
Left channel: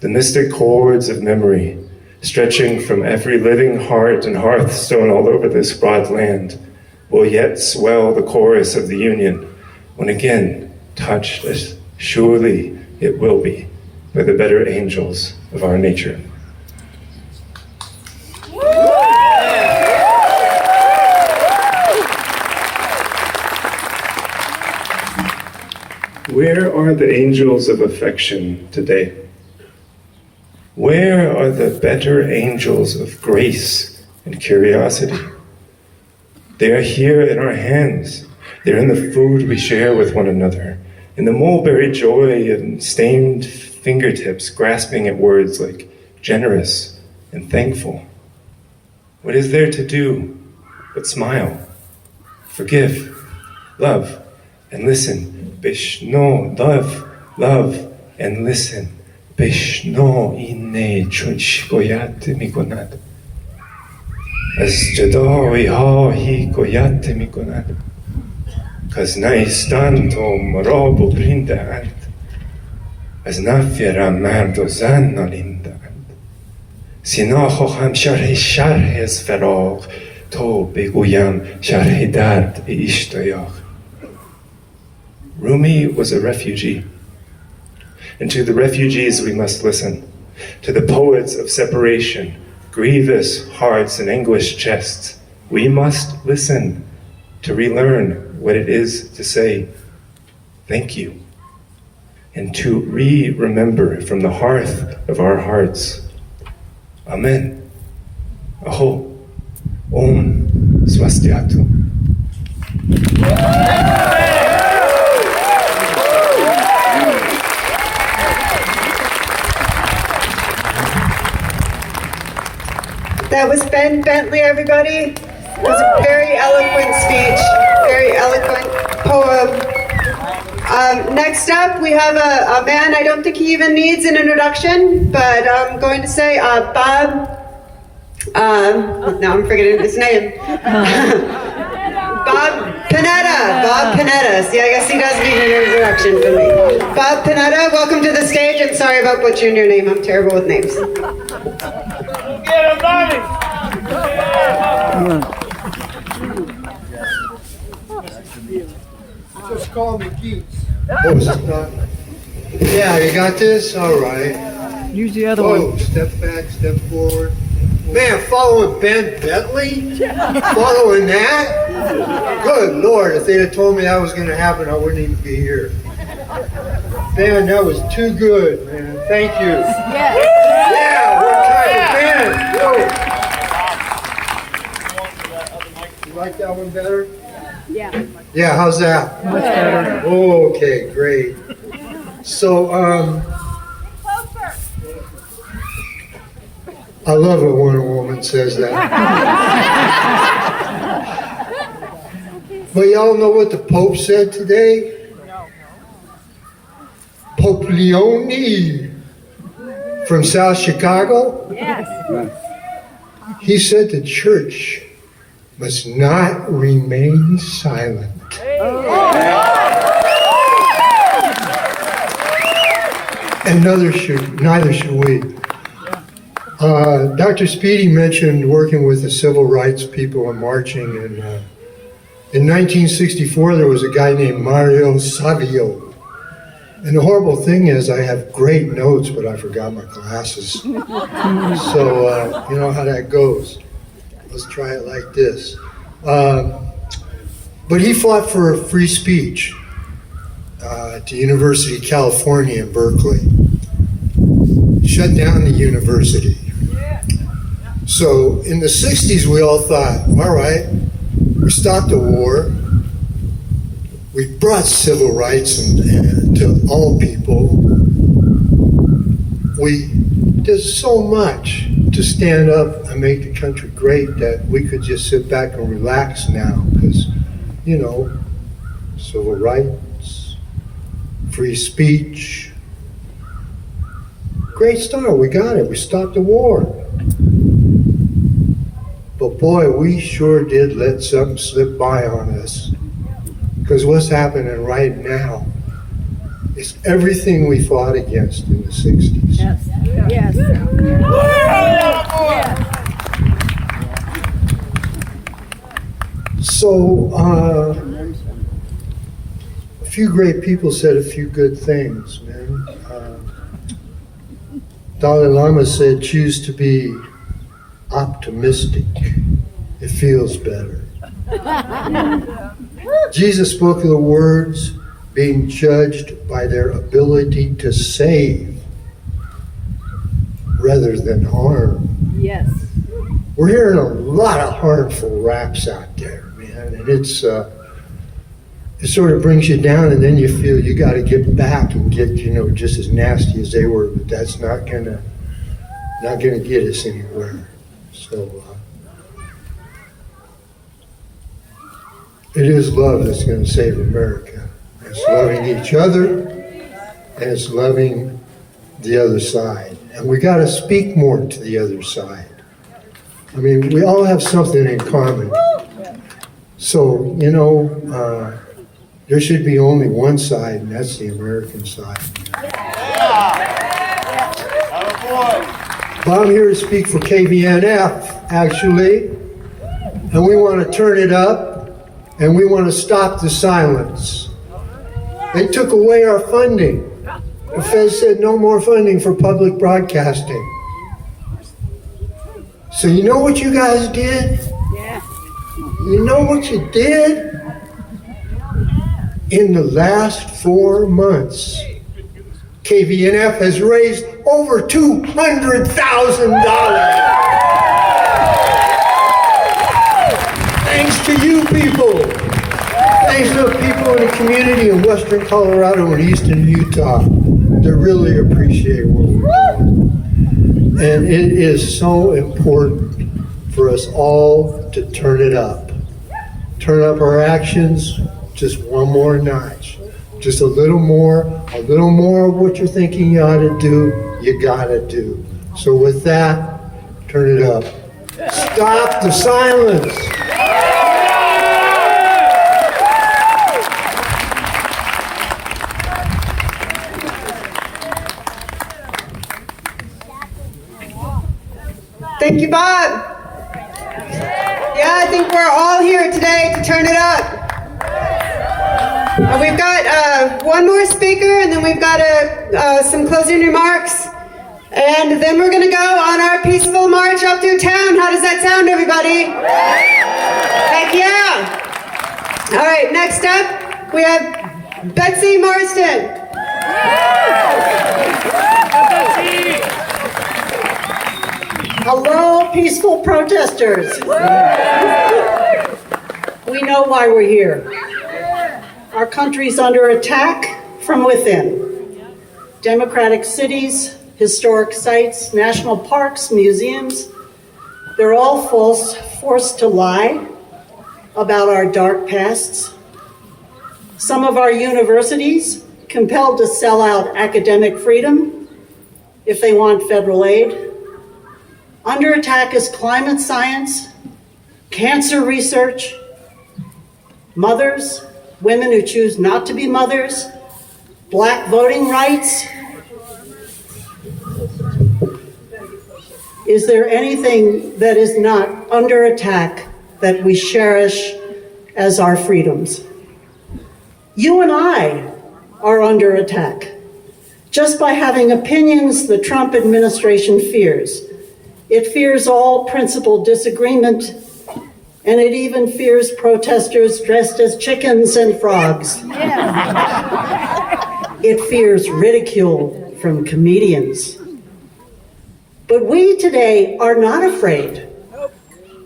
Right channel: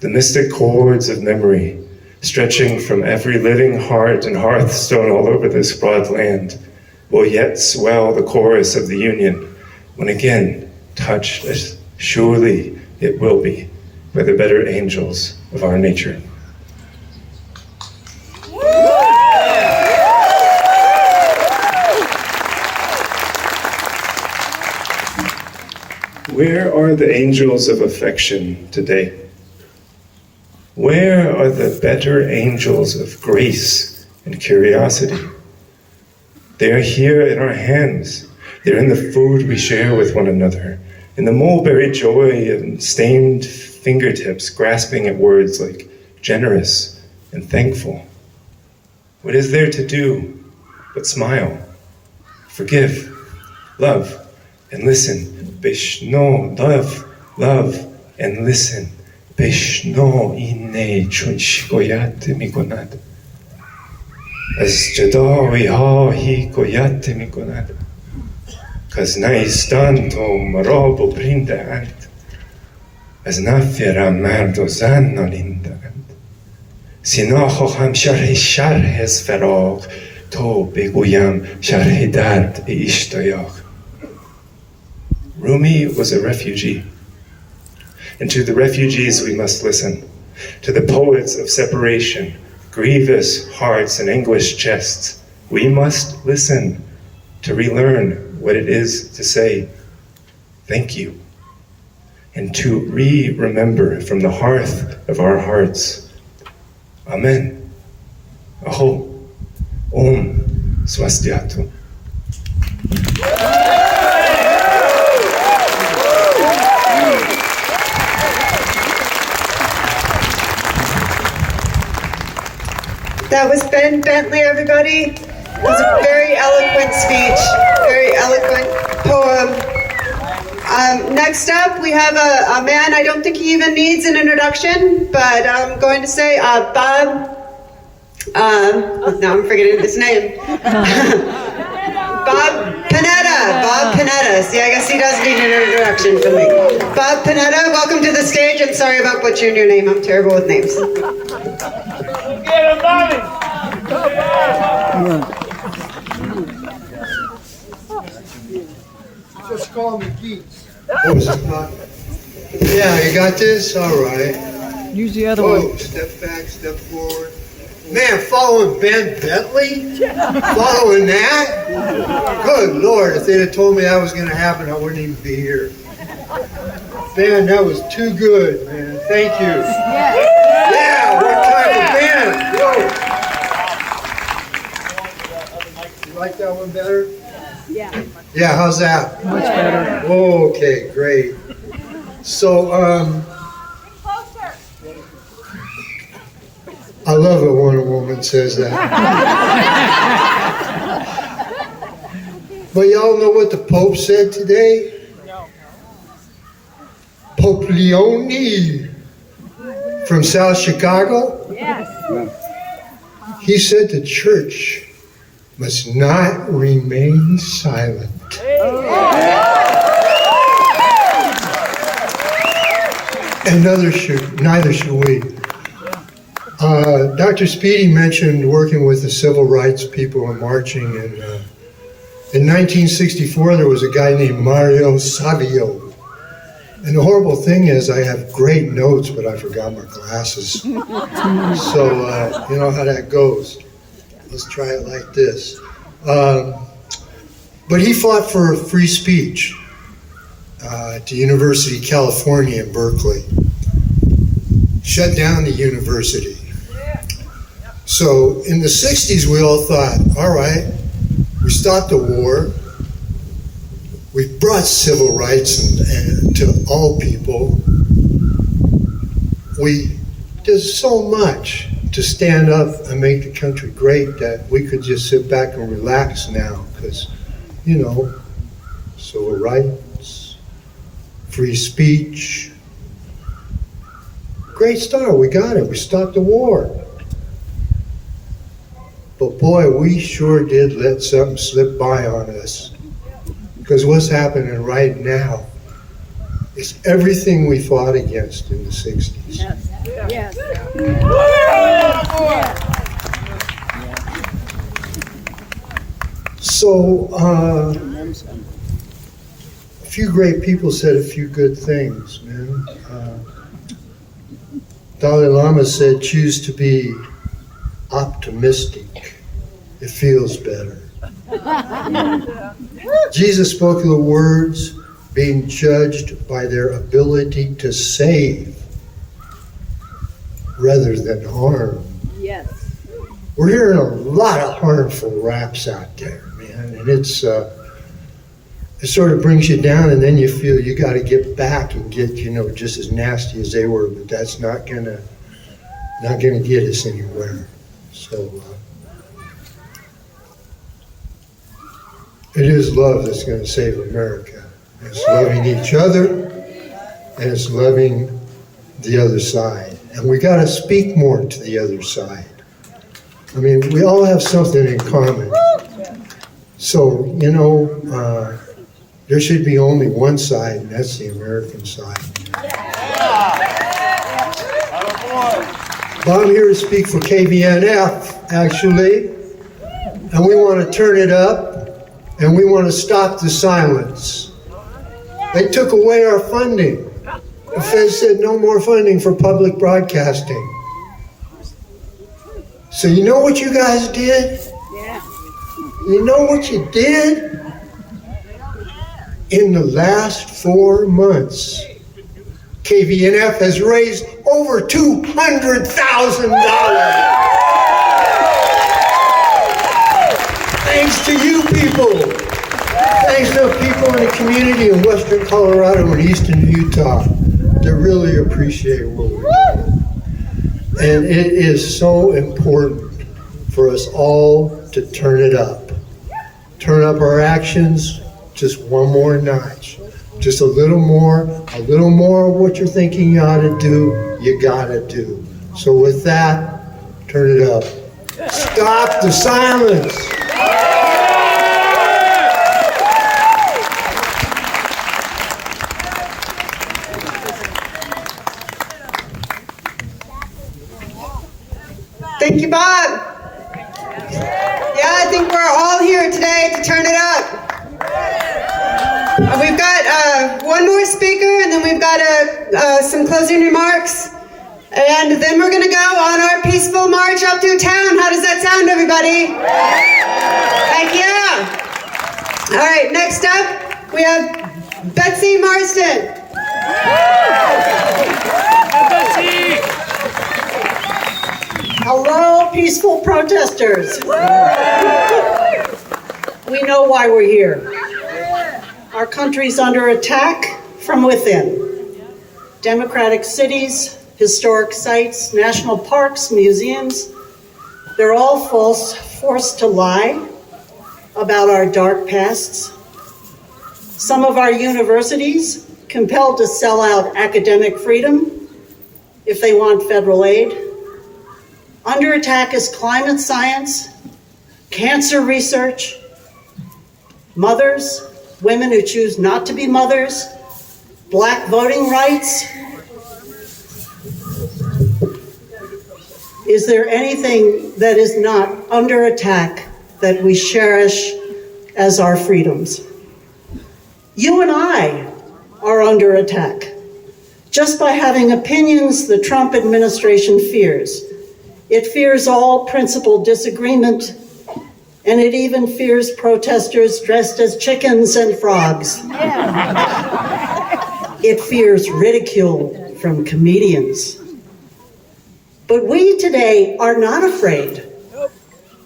The mystic cords of memory, stretching from every living heart and hearthstone all over this broad land, will yet swell the chorus of the Union, when again touched as surely it will be by the better angels of our nature." Where are the angels of affection today? Where are the better angels of grace and curiosity? They are here in our hands. They're in the food we share with one another, in the mulberry joy and stained fingertips grasping at words like generous and thankful. What is there to do but smile, forgive, love, and listen? Bishno, love, love, and listen. Bishno inne chunch goyat mikonad. As jadoi ha hi goyat mikonad. Cause naistan to marobo brinda ant. As nafira mardo zanna linda ant. Sinacho ham sharhes farag. To beguyam sharhe dard be ishtayach. Rumi was a refugee, and to the refugees we must listen, to the poets of separation, grievous hearts and anguished chests. We must listen to relearn what it is to say thank you, and to remember from the hearth of our hearts. Amen. Aho. Om Swastiatum. That was Ben Bentley, everybody. It was a very eloquent speech, very eloquent poem. Next up, we have a man, I don't think he even needs an introduction, but I'm going to say Bob, now I'm forgetting his name. Bob Panetta, Bob Panetta. See, I guess he does need an introduction from me. Bob Panetta, welcome to the stage. I'm sorry about butchering your name. I'm terrible with names. Just call me Geeks. Yeah, you got this? All right. Use the other Whoa, one. step back, step forward. Man, following Ben Bentley? Following that? Good Lord, if they'd have told me that was going to happen, I wouldn't even be here. Ben, that was too good, man. Thank you. Yeah, one time Ben. You like that one better? Yeah. Yeah, how's that? Much better. Okay, great. So, I love it when a woman says that. But y'all know what the Pope said today? No. Pope Leone from South Chicago? Yes. He said the church must not remain silent. And neither should we. Dr. Speedy mentioned working with the civil rights people and marching. And in 1964, there was a guy named Mario Savio. And the horrible thing is I have great notes, but I forgot my glasses. So you know how that goes. Let's try it like this. But he fought for free speech at the University of California in Berkeley. Shut down the university. So in the 60s, we all thought, all right, we stopped the war. We brought civil rights and to all people. We did so much to stand up and make the country great that we could just sit back and relax now because, you know, civil rights, free speech. Great start, we got it, we stopped the war. But boy, we sure did let something slip by on us. Because what's happening right now is everything we fought against in the 60s. Yes. Yes. So, a few great people said a few good things, man. Dalai Lama said, choose to be optimistic. It feels better. Jesus spoke of the words being judged by their ability to save rather than harm. Yes. We're hearing a lot of harmful raps out there, man, and it sort of brings you down, and then you feel you got to get back and get, you know, just as nasty as they were, but that's not gonna get us anywhere. So it is love that's going to save America. It's loving each other, and it's loving the other side. And we got to speak more to the other side. I mean, we all have something in common. So, you know, there should be only one side, and that's the American side. But I'm here to speak for KVNF, actually, and we want to turn it up. And we want to stop the silence. They took away our funding. The Fed said no more funding for public broadcasting. So you know what you guys did? Yeah. You know what you did? In the last 4 months, KVNF has raised over $200,000. Thanks to you people. Thanks to the people in the community in western Colorado and eastern Utah. They really appreciate what we're doing. And it is so important for us all to turn it up. Turn up our actions just one more notch. Just a little more of what you're thinking you ought to do, you gotta do. So with that, turn it up. Stop the silence. Thank you, Bob. Yeah, I think we're all here today to turn it up. We've got one more speaker, and then we've got some closing remarks. And then we're going to go on our peaceful march up through town. How does that sound, everybody? Heck yeah. All right, next up, we have Betsy Marston. Hello, peaceful protesters. We know why we're here. Our country's under attack from within. Democratic cities, historic sites, national parks, museums, they're all forced to lie about our dark pasts. Some of our universities compelled to sell out academic freedom if they want federal aid. Under attack is climate science, cancer research, mothers, women who choose not to be mothers, Black voting rights. Is there anything that is not under attack that we cherish as our freedoms? You and I are under attack. Just by having opinions the Trump administration fears. It fears all principled disagreement, and it even fears protesters dressed as chickens and frogs. It fears ridicule from comedians. But we today are not afraid.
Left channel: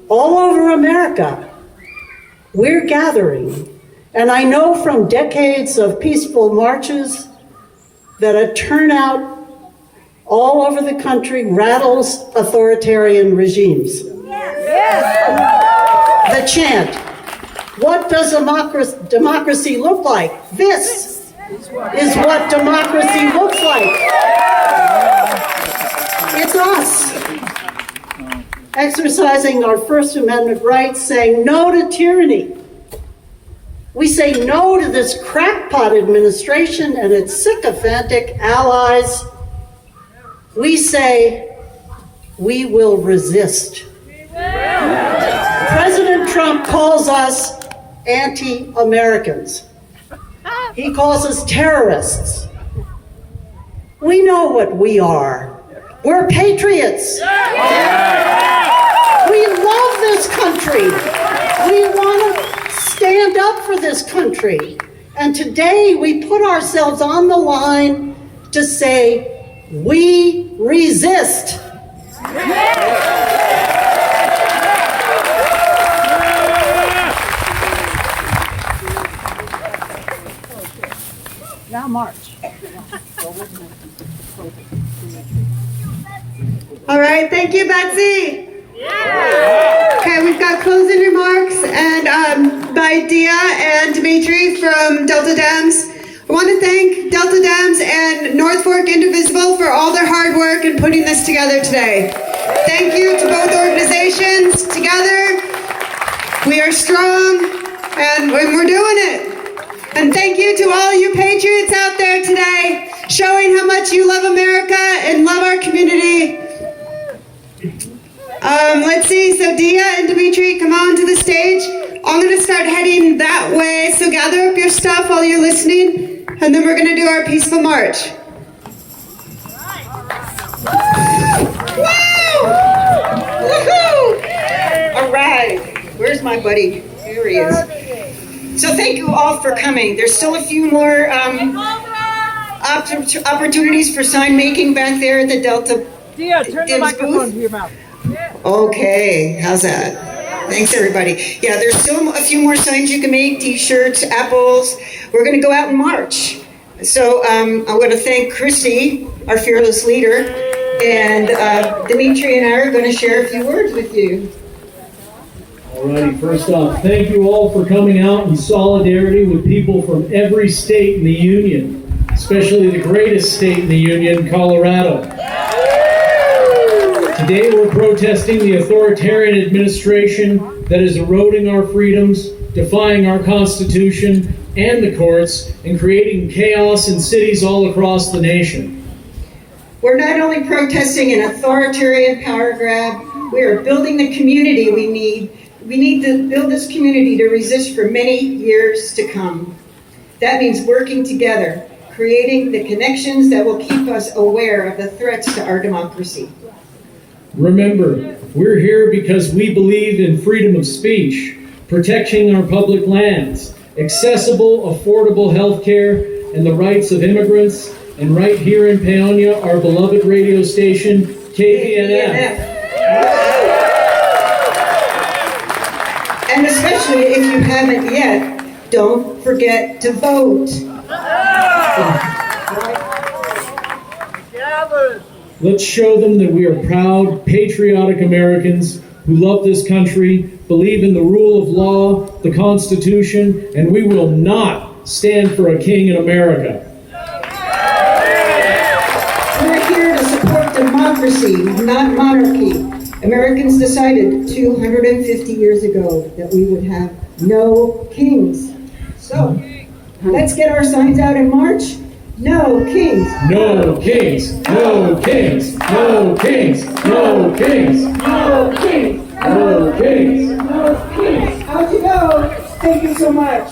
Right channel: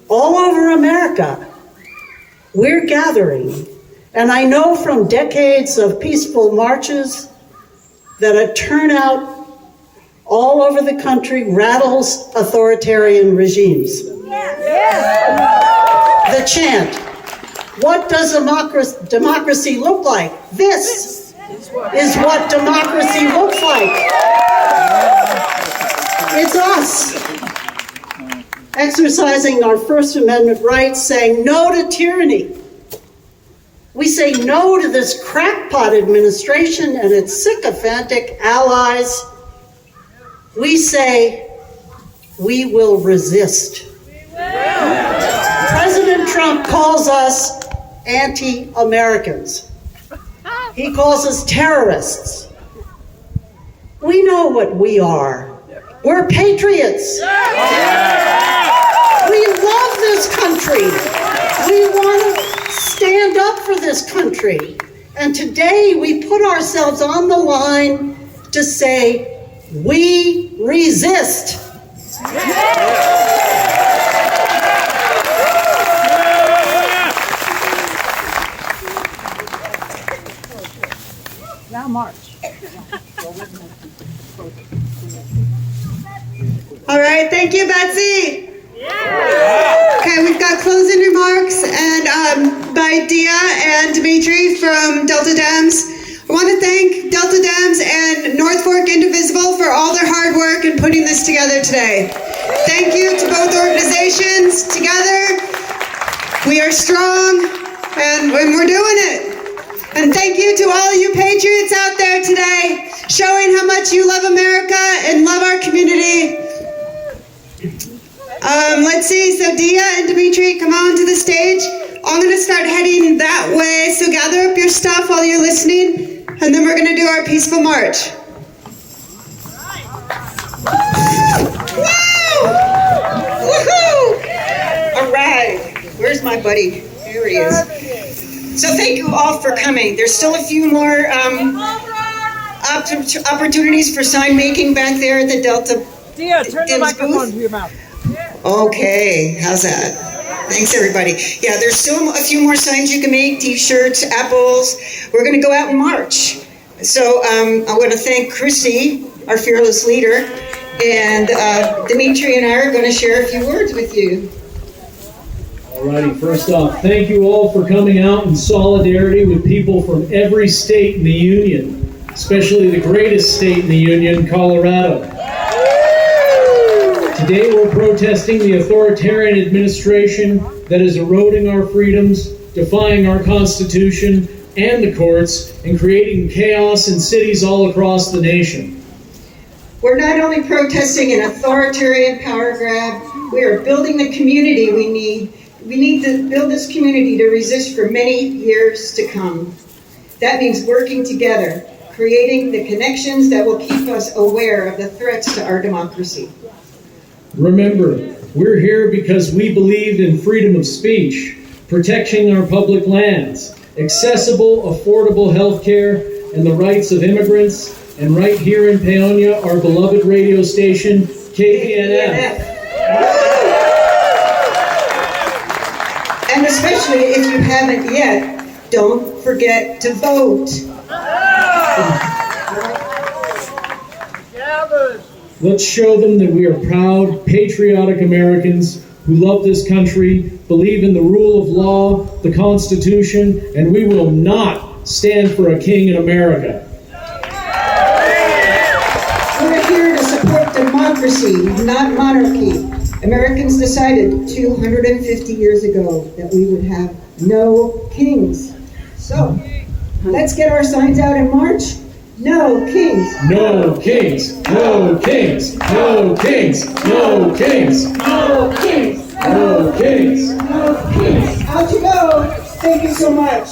All over America, we're gathering. And I know from decades of peaceful marches that a turnout all over the country rattles authoritarian regimes. The chant, what does democracy look like? This is what democracy looks like. It's us exercising our First Amendment rights, saying no to tyranny. We say no to this crackpot administration and its sycophantic allies. We say we will resist. President Trump calls us anti-Americans. He calls us terrorists. We know what we are. We're patriots. We love this country. We want to stand up for this country. And today we put ourselves on the line to say, we resist. Now march. All right, thank you, Betsy. Okay, we've got closing remarks and by Dia and Dimitri from Delta Dams. I want to thank Delta Dams and North Fork Indivisible for all their hard work in putting this together today. Thank you to both organizations. Together, we are strong and we're doing it. And thank you to all you patriots out there today, showing how much you love America and love our community. Let's see, so Dia and Dimitri, come on to the stage. I'm going to start heading that way, so gather up your stuff while you're listening, and then we're going to do our peaceful march. Woo! Woohoo! All right, where's my buddy? Here he is. So thank you all for coming. There's still a few more opportunities for sign making back there at the Delta Dia, turn the microphone to your mouth. Okay, how's that? Thanks, everybody. Yeah, there's still a few more signs you can make, T-shirts, apples. We're going to go out and march. So I want to thank Chrissy, our fearless leader, and Dimitri and I are going to share a few words with you. Alrighty, first off, thank you all for coming out in solidarity with people from every state in the Union, especially the greatest state in the Union, Colorado. Today we're protesting the authoritarian administration that is eroding our freedoms, defying our Constitution and the courts, and creating chaos in cities all across the nation. We're not only protesting an authoritarian power grab, We are building the community we need. We need to build this community to resist for many years to come. That means working together, creating the connections that will keep us aware of the threats to our democracy. Remember, we're here because we believe in freedom of speech, protecting our public lands, accessible, affordable health care, and the rights of immigrants. And right here in Paonia, our beloved radio station, KPNF. And especially if you haven't yet, don't forget to vote. Let's show them that we are proud, patriotic Americans who love this country, believe in the rule of law, the Constitution, and we will not stand for a king in America. We're here to support democracy, not monarchy. Americans decided 250 years ago that we would have no kings. So, let's get our signs out in March. No kings. No kings. No kings. No kings. No kings. No kings. No kings. No kings. How'd you go? Thank you so much.